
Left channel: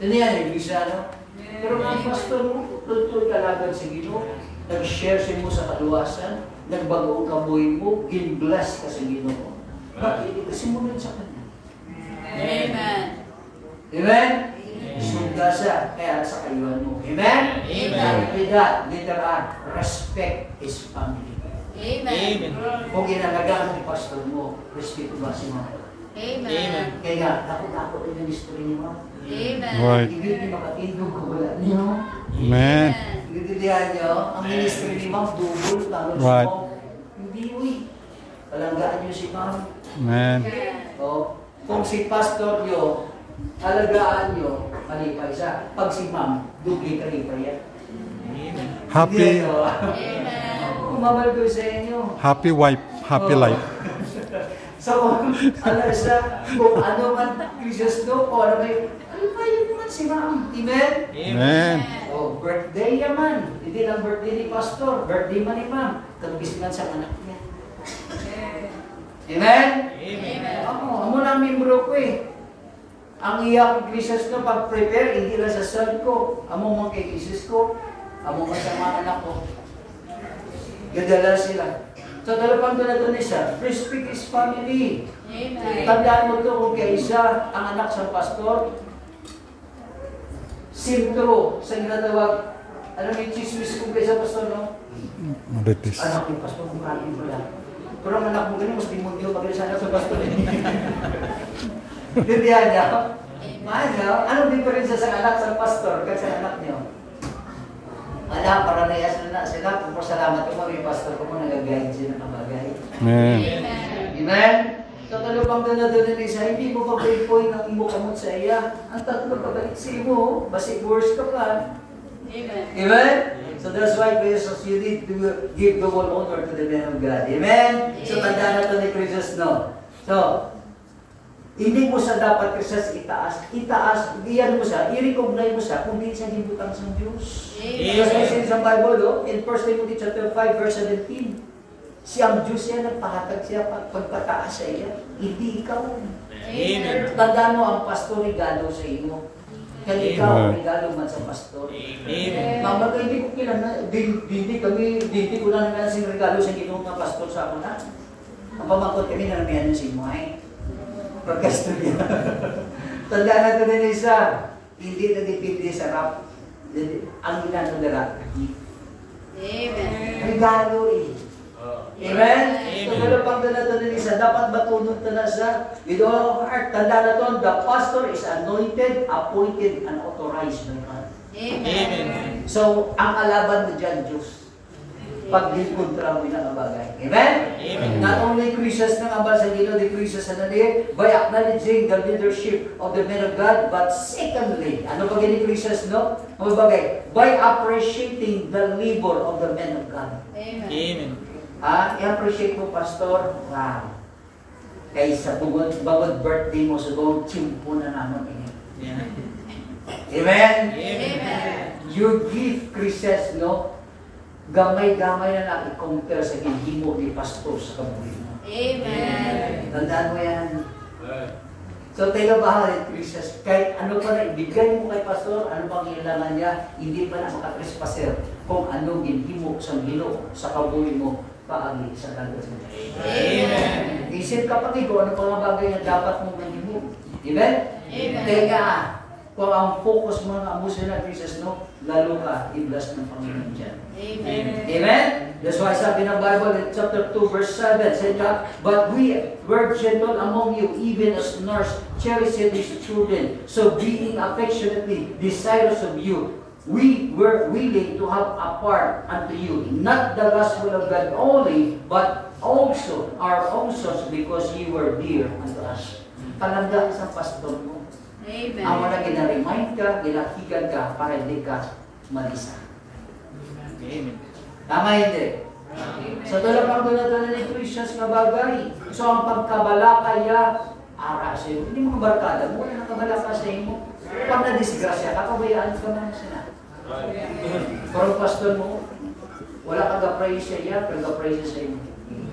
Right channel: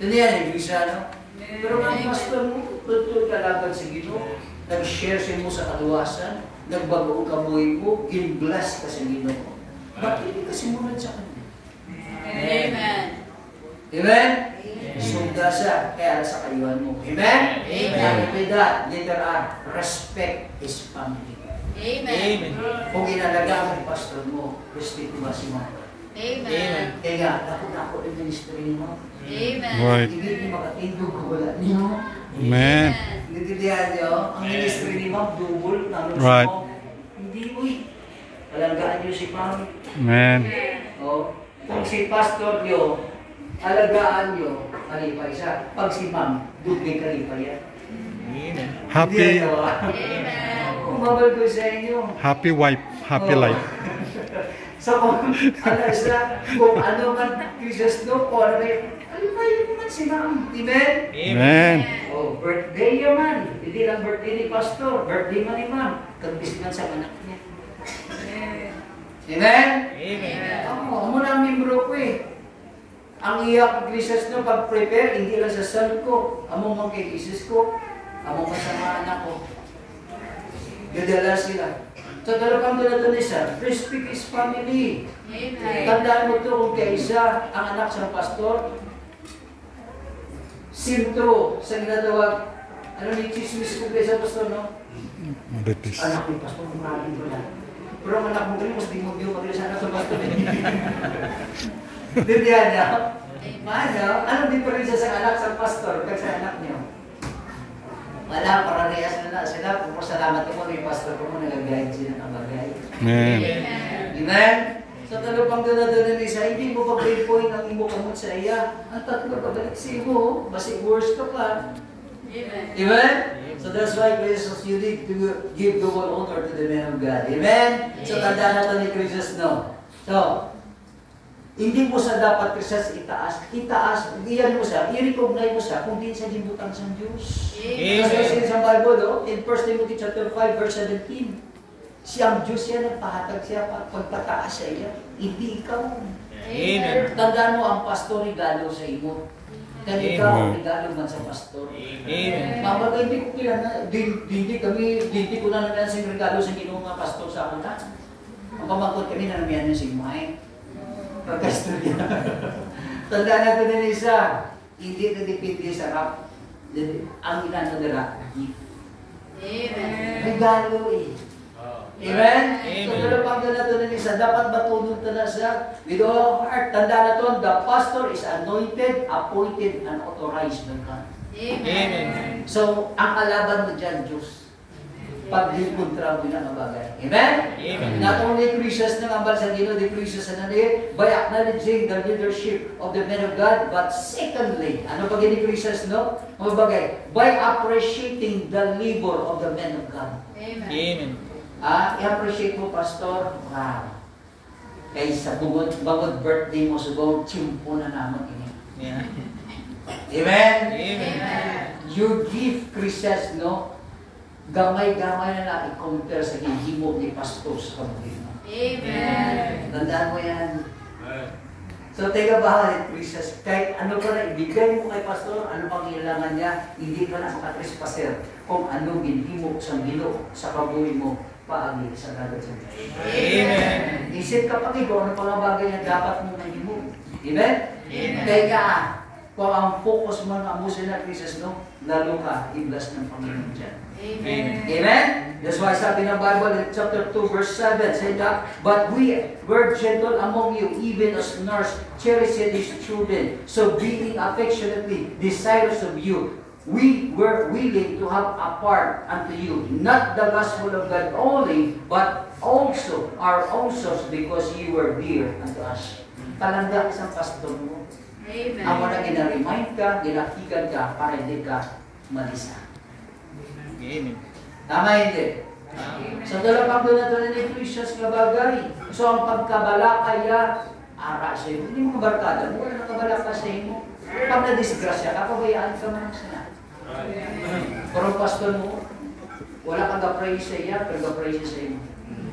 Ito na yan, yung Grisano. Pero nga, pastor mo, tuntun ka lagad sa Ginoo. Nag-share mo sa kaluwasan, nagbago ang kabuhay mo, in-bless ka sa Ginoo. Bakit hindi ka simulan sa Kanya? Amen. Amen? Sunda siya, kaya sa kayuhan mo. Amen? Amen. With that, later on, respect His family. Amen. Kung inalagaan ang pastor mo, respeto ba si Mama? Amen. Kaya nga, ako ang ministry ni Mama. Amen. Right. Hindi niyo makatindog kung wala niyo. Amen. Nagtidihan niyo, ang ministry ni Ma'am, double, lalo sa Right. Ma'am. Hindi, uy. Alagaan niyo si Ma'am. Amen. O, kung si pastor niyo, alagaan niyo, kalipay siya. Pag si Ma'am, duble kalipay yan. Happy, Hindi, ano, Amen. kumabal ko sa inyo. happy wife, happy Oo. life. So, ano siya, kung ano man Jesus do, o ano mo man si Ma'am. Amen? Amen. O, birthday yaman. Hindi lang birthday ni pastor, birthday man ni Ma'am. Kagbis man sa anak niya. Amen? Amen. Ako na ang membro ko eh. Ang iyak ko Jesus no, pag-prepare, hindi lang sa son ko. Amo man kay Jesus ko. Amo man sa mga anak ko. Dadala sila. So, dalawang doon isa, respect His family. Amen. Tandaan mo ito kung kaisa ang anak sa pastor, sintro sa ginatawag, ano ni chismis kung kaisa pastor, no? Marites. Anak ni pastor, maraming pala. Pero ang anak mo galing, mas di mo diyo magaling sa anak sa pastor. Dindihan niya? Ano? Anong diferensya sa anak sa pastor kag sa anak niyo? Wala, para reyas na sila. Kung salamat mo ni pastor ko mo, nag-guide sila ng bagay. Amen. Amen? So, talupang doon ni isa, hindi mo pa point ang imo kamot sa iya. Ang tatlo pabalik sa imo, basi worse ka pa. Amen. Amen? So that's why, Jesus, you need to give the whole honor to the man of God. Amen? So, tandaan na ito ni Jesus, no? So, hindi mo sa dapat siya itaas, iyan mo siya, i-recognize mo siya kung di siya gibutang sa Diyos. Amen. Kasi sa Bible, in 1 Timothy chapter 5, verse 17, siyang Diyos siya, nagpahatag siya pagpataas sa iya. Hindi ikaw. Amen. Tandaan mo, ang pastor regalo sa iyo. Kaya ikaw, regalo man sa pastor. Amen. Mama, hindi ko kailangan, hindi ko na naman sing regalo sa ginong nga pastor sa akin, ha? Ang pamangkot kami na naman si Moay. Pagkastorya. Tandaan natin din isa, hindi na depende sa rap. Ang ginanadala, gift. Amen. Regalo eh. Amen? Amen. So, pero pag natin din isa, dapat matulog na siya with all of heart. Tandaan natin, the pastor is anointed, appointed, and authorized by God. Amen. So, ang alaban mo dyan, Diyos. Pag dinkontra mo na bagay. Amen? Amen. Not only Christians ng ambal sa Ginoo, the Christians na nali, by acknowledging the leadership of the men of God, but secondly, ano ba gini Christians, no? Ano bagay? By appreciating the labor of the men of God. Amen. I-appreciate mo, Pastor. Wow. Kaysa bugod birthday mo, so chimpo na naman. Amen? Amen. You give Christians, no? Gamay-gamay na i-compare sa hihimo ni Pastor sa kabuhay mo. Amen. Tandaan mo yan. So, teka ba, Christians, kahit ano pa na ibigay mo kay Pastor, ano pang kailangan niya, hindi pa na makatrespaser kung ano ginhimo sa Ginoo sa kabuhay mo paagi sa dagat sa Diyos. Amen. Isip ka pati kung ano pa mga bagay na dapat mong mahimo. Amen? Amen. Kaya nga, kung ang focus mo na amusin na Christians, no, lalo ka, i-bless ng Panginoon dyan. Amen. Amen? That's why sabi ng Bible in chapter 2 verse 7, say that, but we were gentle among you, even as nurse cherisheth his children. So being affectionately desirous of you, we were willing to have a part unto you, not the gospel of God only, but also our own souls, because you were dear unto us. Palangga isang pastor mo. Amen. Ang wala gina-remind ka, ginakigan ka, para hindi ka malisa. Amen. Tama hindi? So talagang doon na doon ni Christians na bagay. So ang pagkabalakaya, ara sa iyo. Hindi mo barkada mo, wala nakabalaka sa iyo. Pag na-disgrasya ka, kabayaan ka man sila. Pero pastor mo, wala kang ga-praise sa iya, pero ga-praise sa iyo.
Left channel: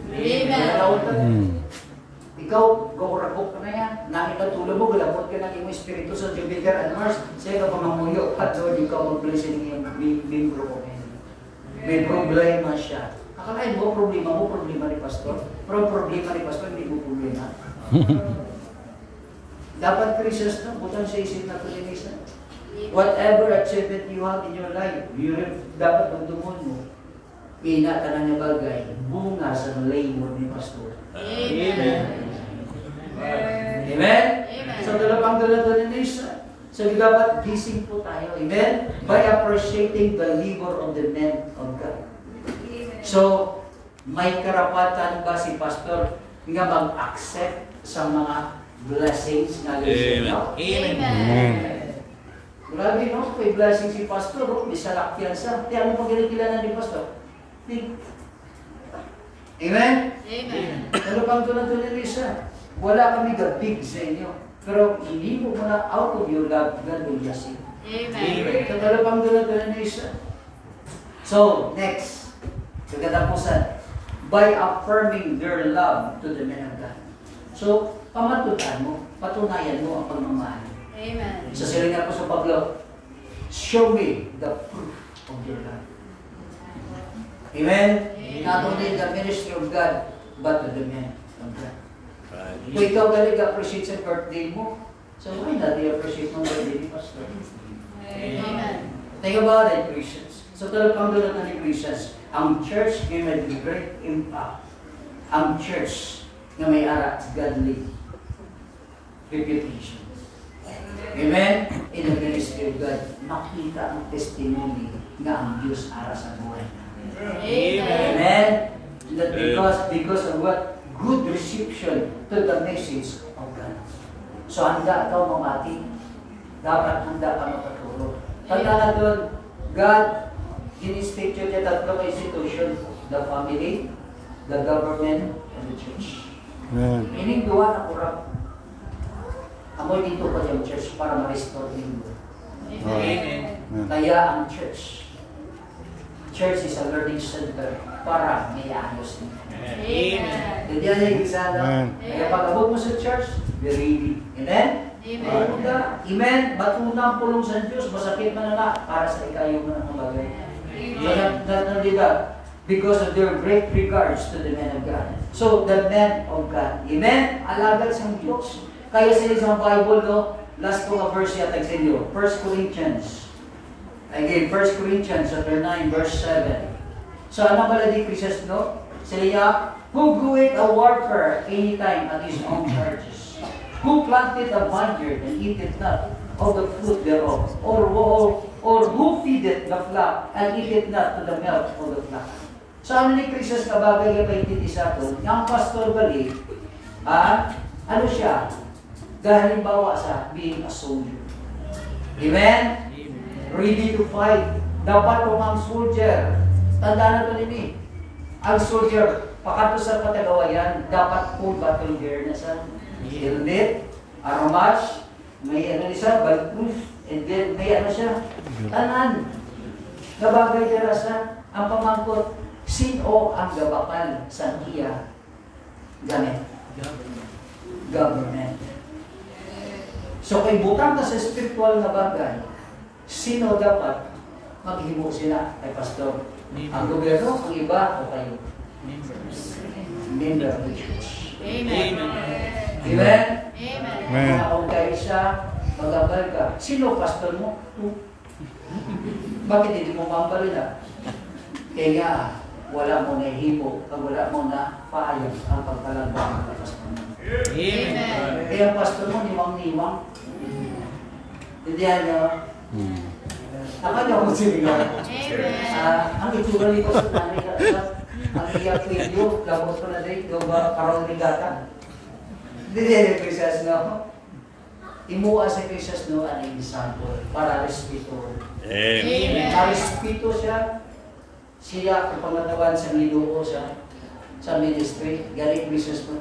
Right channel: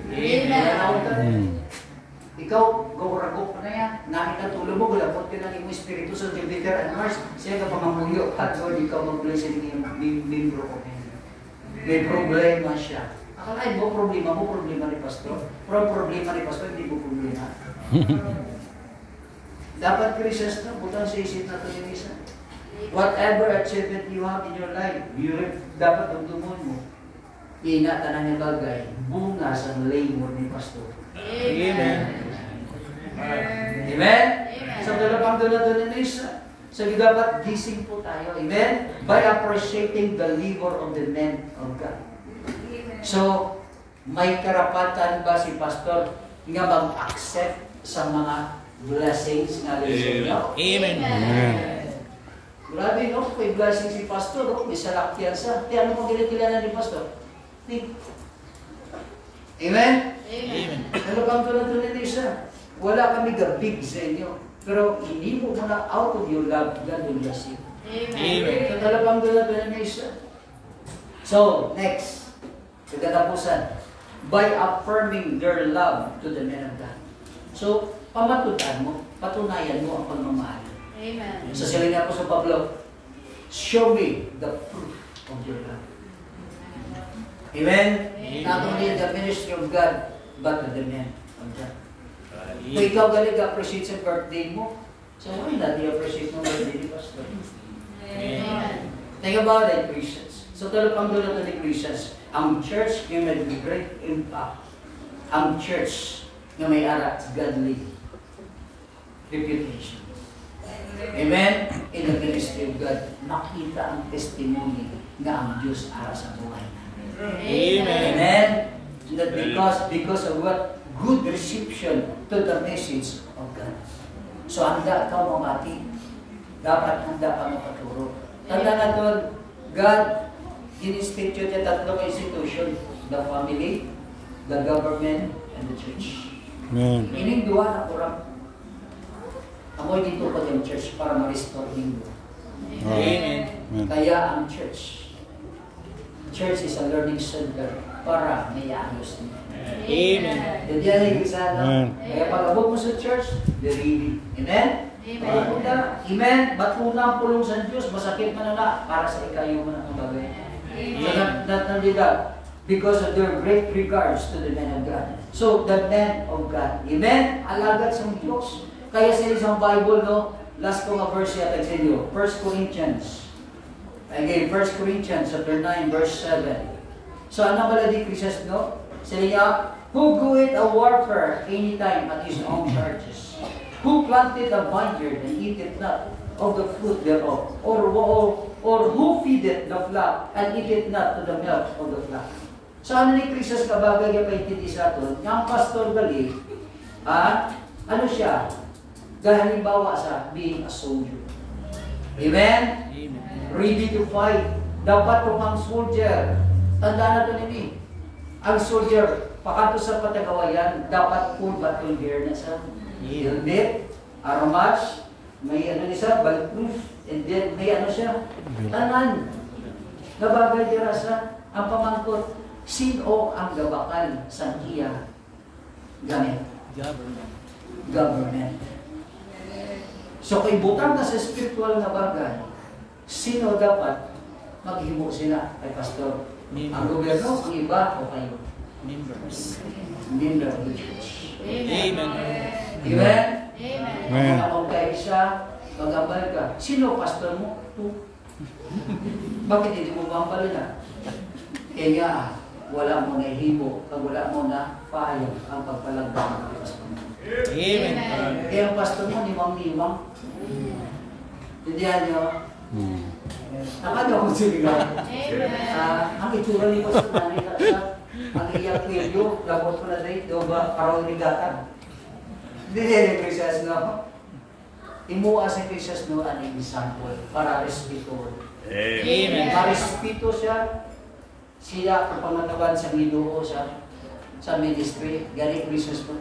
Hmm. Ikaw, gawuragok ka na yan. Nangit na tulog mo, galapot ka ng iyong espiritu sa Jupiter and Mars. Siya ka pangamuyo. At Lord, ikaw mag-blessing ng iyong membro ko. May problema siya. Akalain mo, problema ni Pastor. Pero ang problema ni Pastor, hindi mo problema. Dapat Christians na, butang sa isip na ito yung isa. Whatever achievement you have in your life, dapat magdumon mo. Ingatan ang yung bagay, bunga sa labor ni Pastor. Amen. Amen? So, dalapang dala-dala na isa. So, dapat gising po tayo. Amen? By appreciating the labor of the men of God. So, may karapatan ba si Pastor nga mag-accept sa mga blessings nga liso? Amen. Grabe, no? May blessing si Pastor, no? May salakyan sa. Kaya ano pang kinikilala ni Pastor? Amen? Amen. Ano pang tulad-tulad ni isa? Wala kami big sa inyo. Pero hindi mo muna out of your love, God will bless you. Amen. So, dalawang tulad-tulad ni isa. So, next. Kagatapusan. By affirming their love to the men of God. So, pamatutan mo, patunayan mo ang pagmamahal. Amen. Sa siling ako sa Pablo, show me the proof of your love. Amen? Not only in the ministry of God, but to the men of God. Kung ikaw galing appreciate sa birthday mo, so why not i-appreciate mo birthday ni Pastor? Amen. Think about it, Christians. So talagang doon natin ni Christians, ang church may may great impact. Ang church na may arak godly reputation. Amen? In the ministry of God, makita ang testimony na ang Diyos ara sa buhay namin. Amen? That because of what? Good reception to the message of God. So handa ka mamati. Dapat handa ka mapaturo. Tanda na doon, God, in-institute niya tatlong institution. The family, the government, and the church. Amen. Ining duwa na kurang. Amoy dito pa yung church para ma-restore yung duwa. Amen. Kaya ang church is a learning center para may ayos niya. Amen. Hindi yan yung isa, no? Kaya pag abot mo sa church, be ready. Amen? Amen. Amen? Batuna ang pulong sa Diyos, masakit man na para sa ikayo man ang bagay. Because of their great regards to the men of God. So, the men of God. Amen? Alagad sa Diyos. Kaya sa isang Bible, no? Last ko nga verse yata sa inyo. 1 Corinthians. Again, 1 Corinthians chapter 9, verse 7. So, ano pala di Christians, no? Sila, who goeth a warfare anytime at his own charges? Who planted a vineyard and eateth not of the fruit thereof? Or who feedeth the flock and eateth not to the milk of the flock? So, ano ni Christians kabagay yung paintindi sa ato? Yung pastor gali, ano siya? Dahil halimbawa sa being a soldier. Amen? Ready to fight. Dapat kung ang soldier, tanda na ito nini. Ang soldier, pakato sa patagawayan, dapat full battle gear na sa helmet, armas, may ano niya, bulletproof, and then may ano siya, tanan. Gabagay dira sa, ang pamangkot, sino ang gabakal sa iya gamit? Government. So kung butang ka sa spiritual na bagay, sino dapat maghimo sila kay pastor? Ang gobyerno, ang iba, o kayo? Member of the church. Amen. Amen? Amen. Kung kayo siya, mag-ambal ka. Sino pastor mo? Bakit hindi mo maambal na? Kaya nga, wala mo na himo, pag wala mo na payag ang pagpalagay ng pastor mo. Amen. Kaya ang pastor mo, niwang-niwang. Hindi yan niyo. Akala ko sila. Ang itsura ni Pastor Nanay, ang iyak video, labot ko na dahil, karong rigata. Hindi yan yung Christians, no? Imuha si Christians, no, an example, para respeto. Amen. Marespeto siya, siya ang pangatawan sa Ginoo sa ministry, galing Christians mo,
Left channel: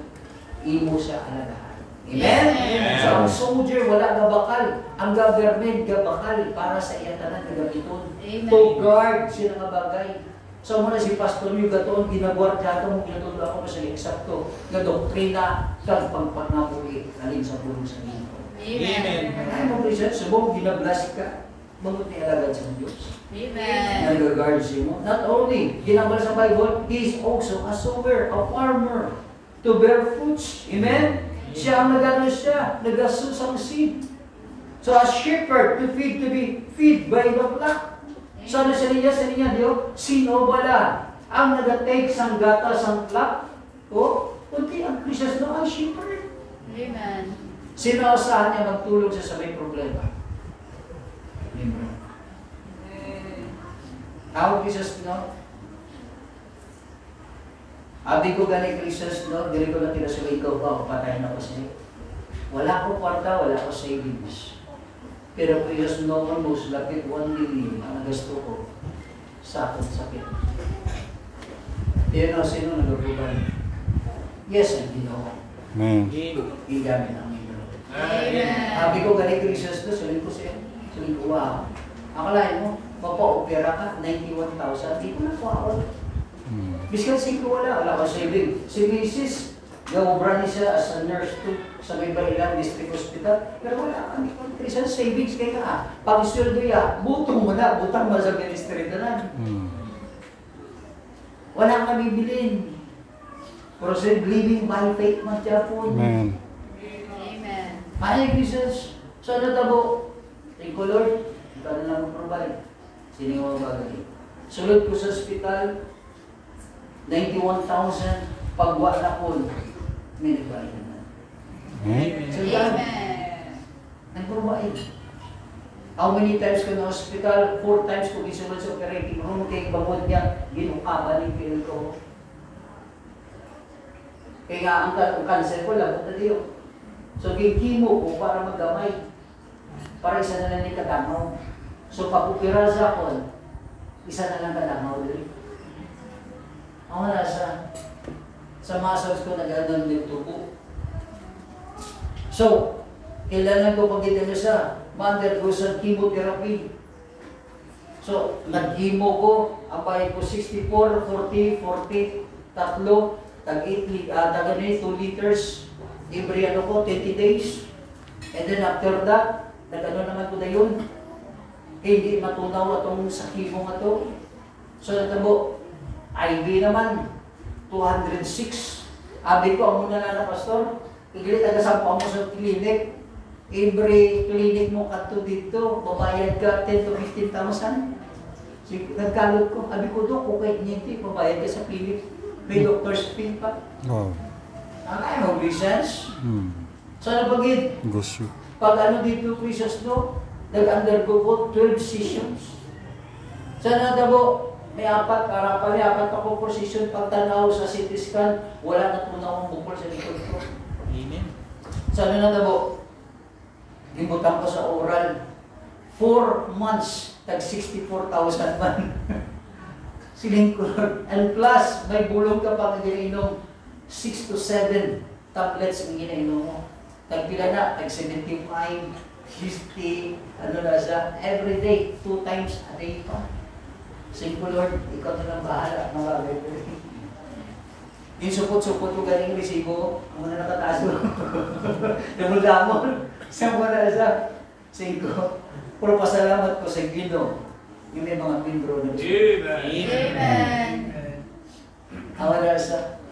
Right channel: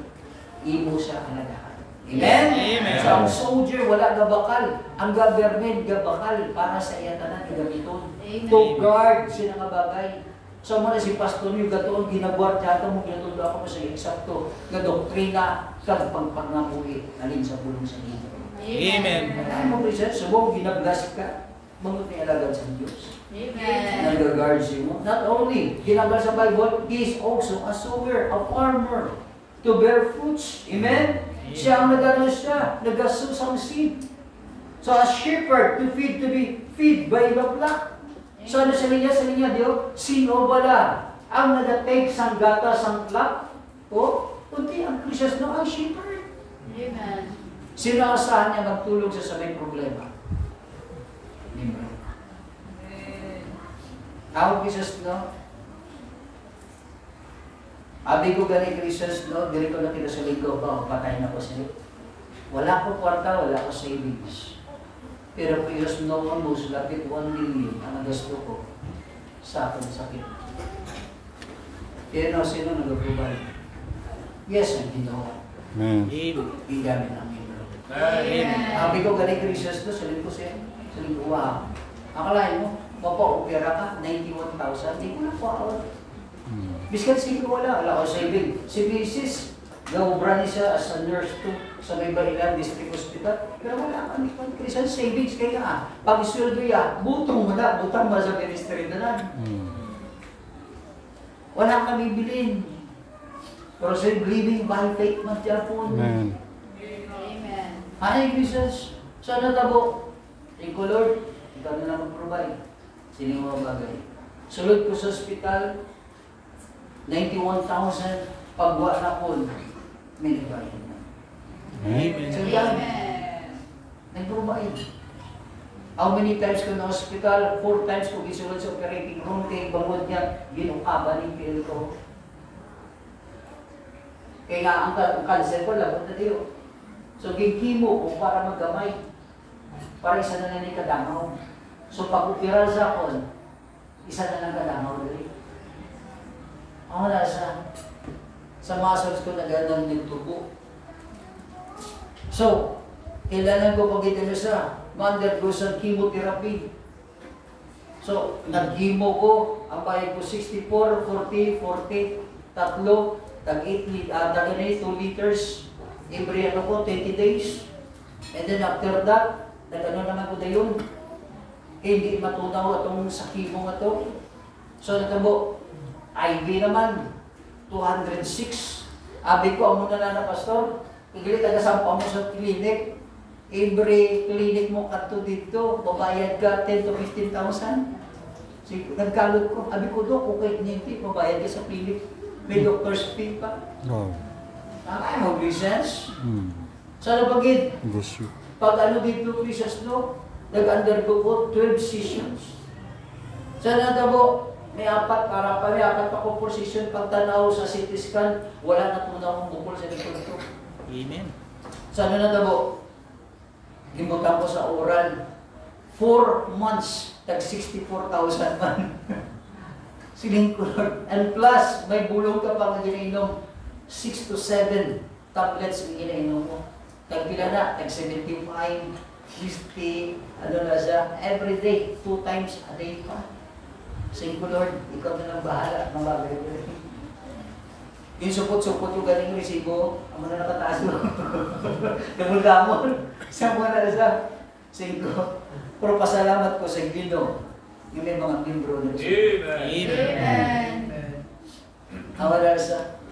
imo siya alagaan. Amen? Amen. So, ang soldier, wala gabakal. Ang government, gabakal para sa iya tanan gamiton. To guard sila nga bagay. So mo na si pastor yung gatoon, ginagwardyata mo, ginatulog ako sa eksakto, na doktrina, kag pagpagnapuwi, alin sa pulong sa iyo. Amen. Ay mo Christian, subong ginablas ka, magot ni alagad sa Diyos. Amen. Nag-guard mo. Not only, ginagawa sa Bible, he is also a sower, a farmer, to bear fruits. Amen? Siya ang nagano siya, nagasusang seed. So a shepherd to be feed by the flock. So ano sa linya, Diyo? Sino bala ang nagatake sang gata sang flock? O, kundi ang Christian no, ang shepherd. Amen. Sino ang saan niya magtulog sa may problema? Amen. Ako Jesus no? Abi ko gani Christians no, diri ko na kinasuloy ko pa, patay na ko siya. Wala ko kwarta, wala ko savings. Pero Jesus no, almost lapit 1 million ang gusto ko sa akong sakit. Pero sino nag-provide? Yes, ang Ginoo. Amen. Igamit namin. Amen. Abi ko gani Christians no, sulit ko siya. Sulit ko, wow. Akalain mo, mapa-opera ka, 91,000, di ko na po ako. Biskan 5 wala ko saving. Si Mrs. Naubra niya siya as a nurse to sa may Bailan District Hospital. Pero wala kami kung Christian savings kaya ka. Pag isweldo ya, butong mo na, butang mo sa ministry na lang. Wala kami bilin. Pero sa living by faith man siya po. Amen. Amen. Ay, Christians, sana tabo. Thank you, Lord. Ikaw na lang mag-provide. Sino mga bagay. Sulod ko sa hospital, 91,000 pagwa na po. May nagbayad na. Amen. So yan, Amen. nag-provide. How many times ko na hospital? 4 times ko gisulod sa operating room. Kaya bangod niya, ginukaba ni Phil ko. Kaya nga, ang cancer ko lang, na diyo. So, gigimo ko para magdamay. Para isa na lang ni kadamaw. So, pag-upira sa ako, isa na lang kadamaw rin. Ako na sa muscles ko na gano'n nagtubo. So, kailangan ko pag-ita niya sa ma-undergo sa chemotherapy. So, nag-chemo ko, ang bayad ko 64, 40, 40, tatlo, tag-2 liters, every ano ko, 20 days. And then after that, nag-ano naman ko na yun. Kaya hindi matunaw itong sa chemo nga to. So, natabo, IV naman, 206. Abi ko, ang muna na pastor, kagili taga-sampa mo sa clinic, every clinic mo kato dito, babayad ka 10 to 15,000. Nagkalot ko, abi ko doon, kung kahit hindi, babayad ka sa clinic, may doctor's fee pa. Wow. Ang ano, Christians? Sana pagid, Gusto. pag ano dito, Christians do, nag-undergo ko 12 sessions. Sana tabo, may apat ako position pagtanaw sa CT scan, wala na tunaw ang bukol sa likod ko. Amen. Sana na tabo, gimutan ko sa oral, 4 months, tag 64,000 man. Siling ko, and plus, may bulong ka pang ginainom, 6 to 7 tablets ang ginainom mo. Tagpila na, tag 75, 50, ano na siya, every day, 2 times a day pa. Sige ko, Lord, ikaw na lang bahala, mabagay ko rin. Yung supot-supot yung galing resibo, ang mga nakataas mo. Yung gamon, saan mo na siya? Sige ko, pero pasalamat ko sa Ginoo, yung may mga membro na siya. Amen. Ang wala siya,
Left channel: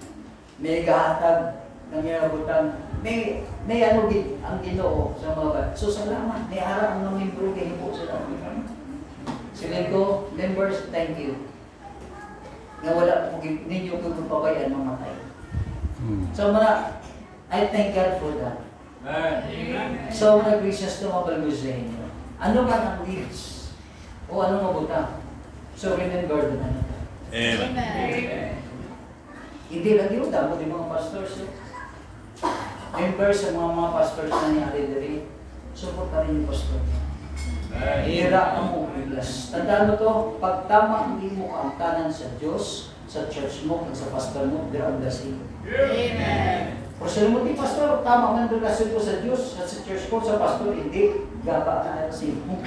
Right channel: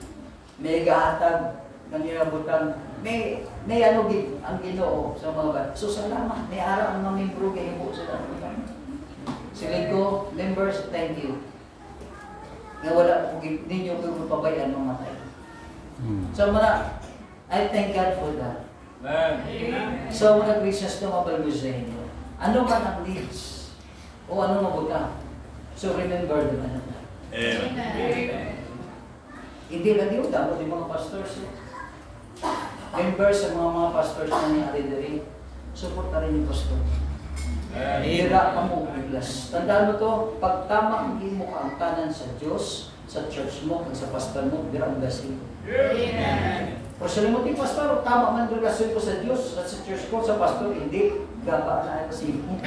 may gahatag ng butang, may ano din ang Ginoo sa mga bat. So salamat, may araw ang mga membro kayo po sila. Siling ko, members, thank you. Na wala po, ninyo ko pabayaan ng matay. So mga, I thank God for that. Amen. So mga Christians na mabalagos sa inyo, ano man ang needs o anong mabuta, so remember the man. Amen. Hindi lang di dapat yung mga pastors. Members sa mga pastors na nangyari diri, support ka rin yung pastor. Hira ang mo biglas. Tandaan mo to, pag tama ang imo ka ang kanan sa Diyos, sa church mo, sa pastor mo, dira ang blessing. Amen. O sa mo di pastor, tama man ang relasyon ko sa Diyos, at sa church ko, sa pastor, hindi. Gaba na ang mo.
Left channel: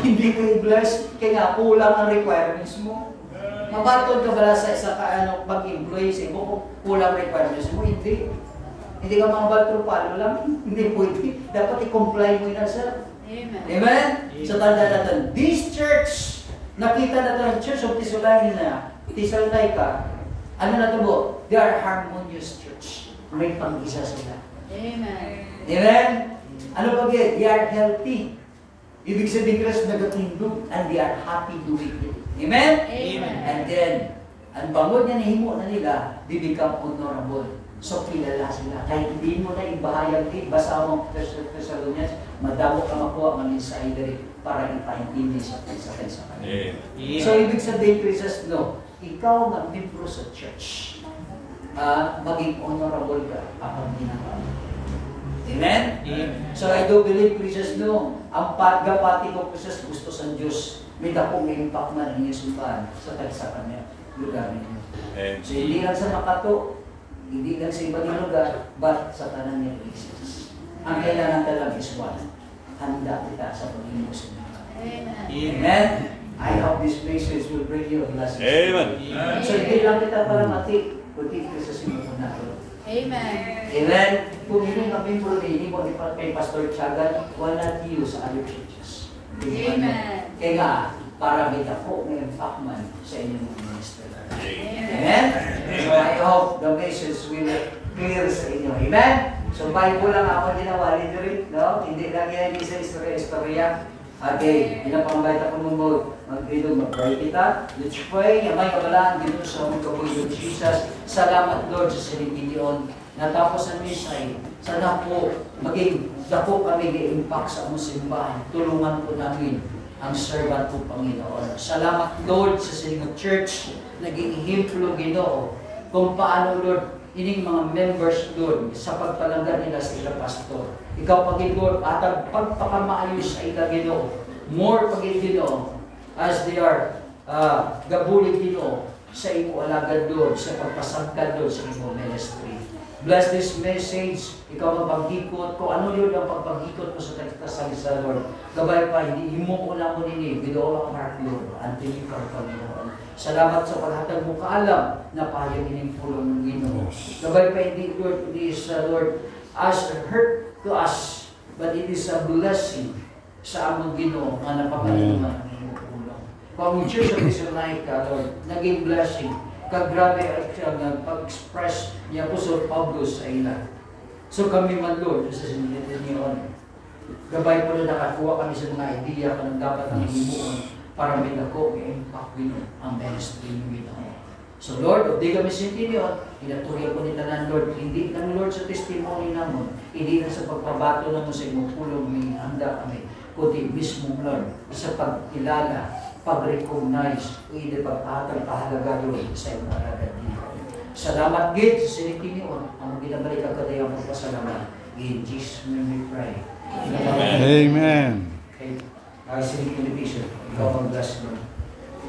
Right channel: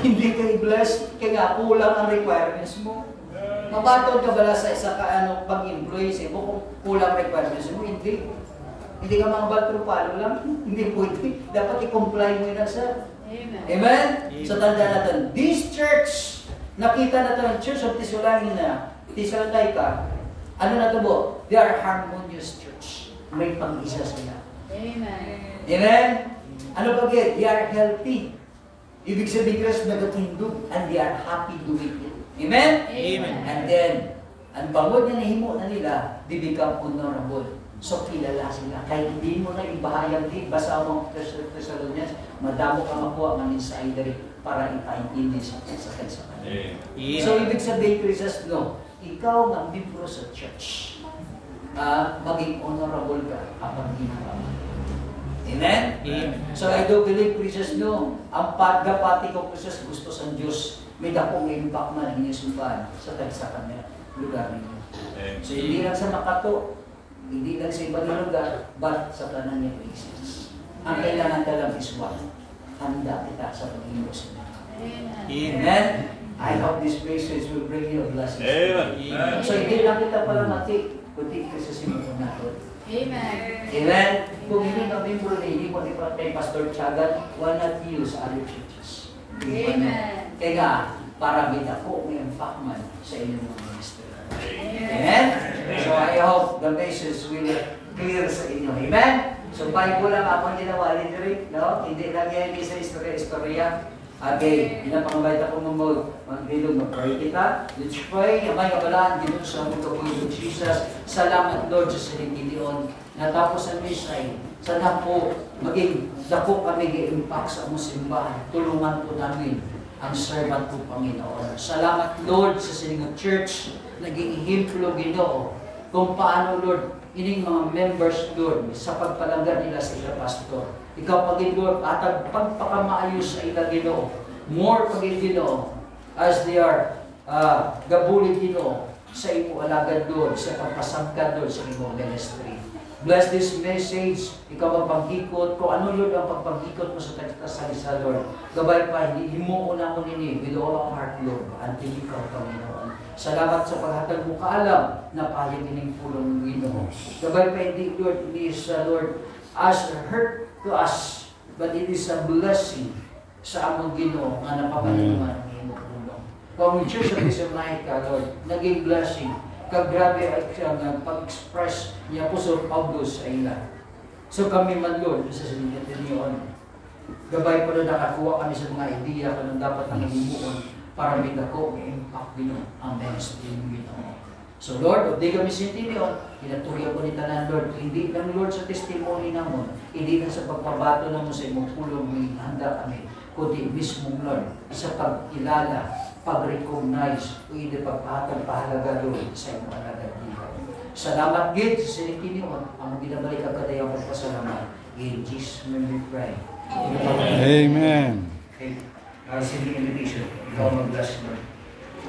Hindi ka i-bless, kaya nga kulang ang requirements mo. Mabatod ka bala sa isa ka pag-employ sa imo kung kulang requirements mo? Hindi. Hindi ka mga baltro lang. Hindi pwede. Dapat i-comply mo yun, sir. Amen. Amen? So tanda natin, this church, nakita natin ang Church of Thessalonica, ano na to mo? They are harmonious church. May pag-isa sila. Amen. Amen? Ano pag yun? They are healthy. Ibig sabihin kasi nagatindog and they are happy doing it. Amen? Amen. And then, ang bangod na nahimo na nila, they become honorable. So, kilala sila. Kahit hindi mo na ibahayag din, basa mo Thessalonians, madamo ka makuha ang insider para ipaintindi sa kansa. So, ibig sabihin, Christus, no, ikaw nga membro sa church, maging honorable ka kapag ginagawa. Amen? Amen. So I do believe, Christus, no, ang pagkapati ko, Christus, gusto sa Diyos, may dakong impact na ng inyong sumbahan sa tagsakan niya, lugar ninyo. So hindi lang sa Makato, hindi lang sa ibang lugar, but sa tanan niya, Christus. Ang kailangan talang is one. Handa kita sa Panginoon sa mga. Amen. Amen? I hope this message will bring you a blessing. Amen. So hindi lang kita palang ati, kundi ka sa simulong natin. Amen. Amen? Kung hindi kami puro hindi mo ipat kay Pastor Tiagan, wala tayo sa other churches. Amen. Kaya nga, para kita po may impact man sa inyong ministry. Amen. Amen? So I hope the message will clear sa inyo. Amen? So Bible lang ako ginawa rin, no? Hindi lang yan sa istorya-istorya. Okay, pinapangbayta ko mong mag-ilog, mag-pray kita. Let's pray. Amay kabalaan, dito sa mga kapulong Jesus. Salamat, Lord, sa Sinipidion. Natapos ang misay. Sana po maging dako kami i-impact sa among simbahan. Tulungan po namin ang servant po, Panginoon. Salamat, Lord, sa Silingang Church. Naging himplo, Ginoo. Kung paano, Lord, ining mga members, Lord, sa pagpalanggan nila sa ilang pastor. Ikaw, Pagin, Lord, at ang pagpakamaayos sa ilang Ginoo. More, Pagin, Ginoo, as they are gabulit, Ginoo, sa imo alagad, Lord, sa pagpasangkad, Lord, sa imo ministry. Bless this message. Ikaw ang paghikot ko. Ano, Lord, ang paghikot mo sa tagkasalisa, Lord? Gabay pa, hindi mo una mo nini. Ginoo ang heart, Lord, until ikaw, Panginoon. Salamat sa paghatag mo kaalam na payag ining pulong ng Ginoo. Gabay pa, hindi, Lord, it is, Lord, as a hurt to us, but it is a blessing sa among Ginoo nga napamalungan ng iyong pulong. Kung ang Church of Thessalonica, Lord, naging blessing, kagrabe at pag-express niya po sa Pablo sa ila. So kami man, Lord, sa siniliniyon, gabay po na nakakuha kami sa mga idea kung dapat ang himuon para may dako, may impact din ang ministry ng Ginoo. So Lord, di kami sintinyon, inaturi ko ni tanan, Lord, hindi lang, Lord, sa testimony namon, hindi lang sa pagpabato namon sa imong pulong, may handa kami, kundi mismo, Lord, sa pagkilala, pag-recognize, o hindi pagpahalaga, Lord, sa imong alagad. Salamat, Gid, sa sintinyon, ang binabalik ang kadayang magpasalamat. In Jesus' name we pray. Amen. Okay. Sending invitation. Ikaw mag-bless, Lord.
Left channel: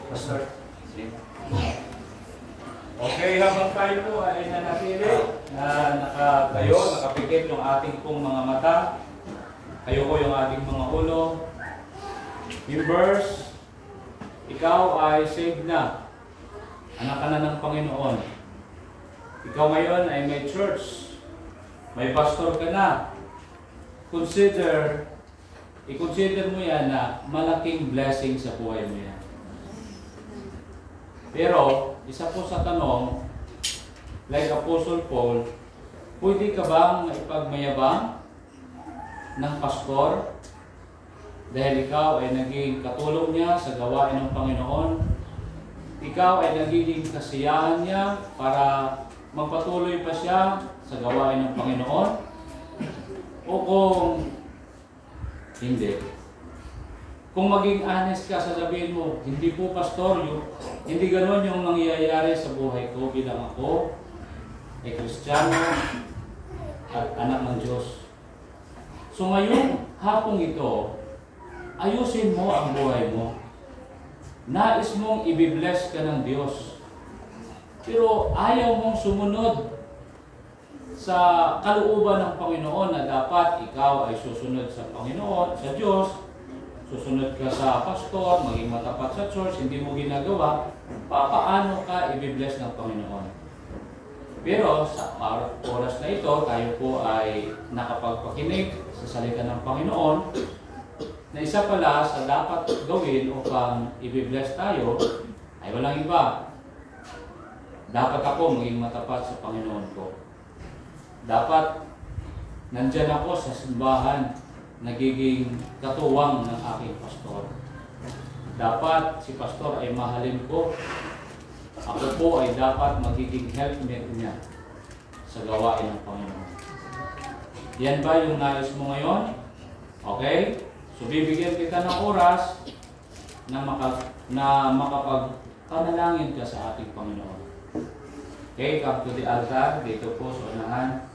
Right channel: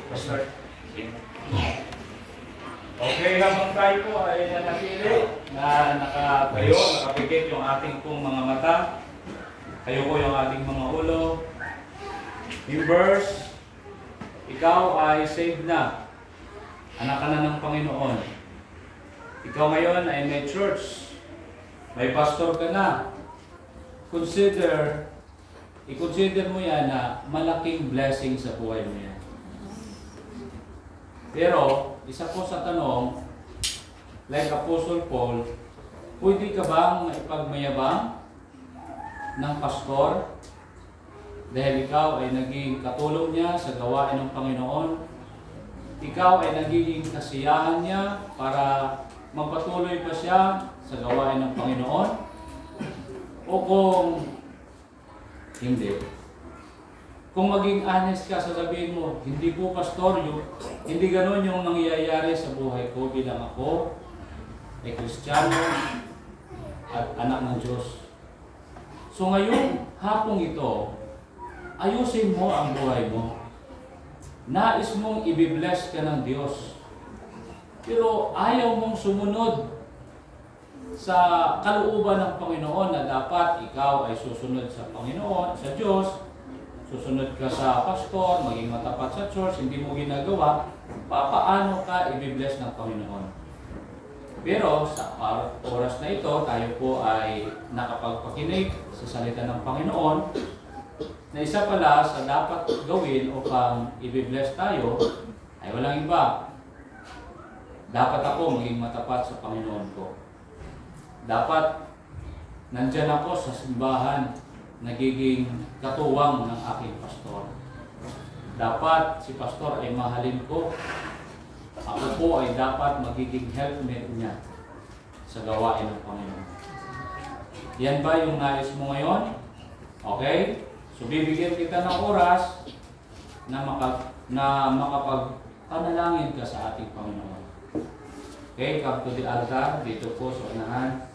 Pastor. Okay, habang tayo po ay nanatili na nakapikit yung ating pong mga mata. Kayo po yung ating mga ulo. Members, ikaw ay saved na. Anak ka na ng Panginoon. Ikaw ngayon ay may church. May pastor ka na. I-consider mo yan na malaking blessing sa buhay mo yan. Pero, isa po sa tanong, like Apostle Paul, pwede ka bang maipagmayabang ng pastor dahil ikaw ay naging katulong niya sa gawain ng Panginoon? Ikaw ay nagiging kasiyahan niya para magpatuloy pa siya sa gawain ng Panginoon? O kung hindi. Kung maging honest ka, sasabihin mo, hindi po pastor, hindi ganon yung nangyayari sa buhay ko bilang ako ay Kristiyano at anak ng Diyos. So ngayon, hapong ito, ayusin mo ang buhay mo. Nais mong ibibless ka ng Diyos. Pero ayaw mong sumunod sa kalooban ng Panginoon na dapat ikaw ay susunod sa Panginoon, sa Diyos, susunod ka sa pastor, maging matapat sa church, hindi mo ginagawa, paano ka i-bless ng Panginoon? Pero sa oras na ito, tayo po ay nakapagpakinig sa salita ng Panginoon na isa pala sa dapat gawin upang i-bless tayo ay walang iba. Dapat ako maging matapat sa Panginoon ko. Dapat nandyan ako sa simbahan, nagiging katuwang ng aking pastor. Dapat si pastor ay mahalin ko. Ako po ay dapat magiging helpmate niya sa gawain ng Panginoon. Yan ba yung nais mo ngayon? Okay? So bibigyan kita ng oras na makapagpanalangin ka sa ating Panginoon. Okay, come to the altar. Dito po sa unahan.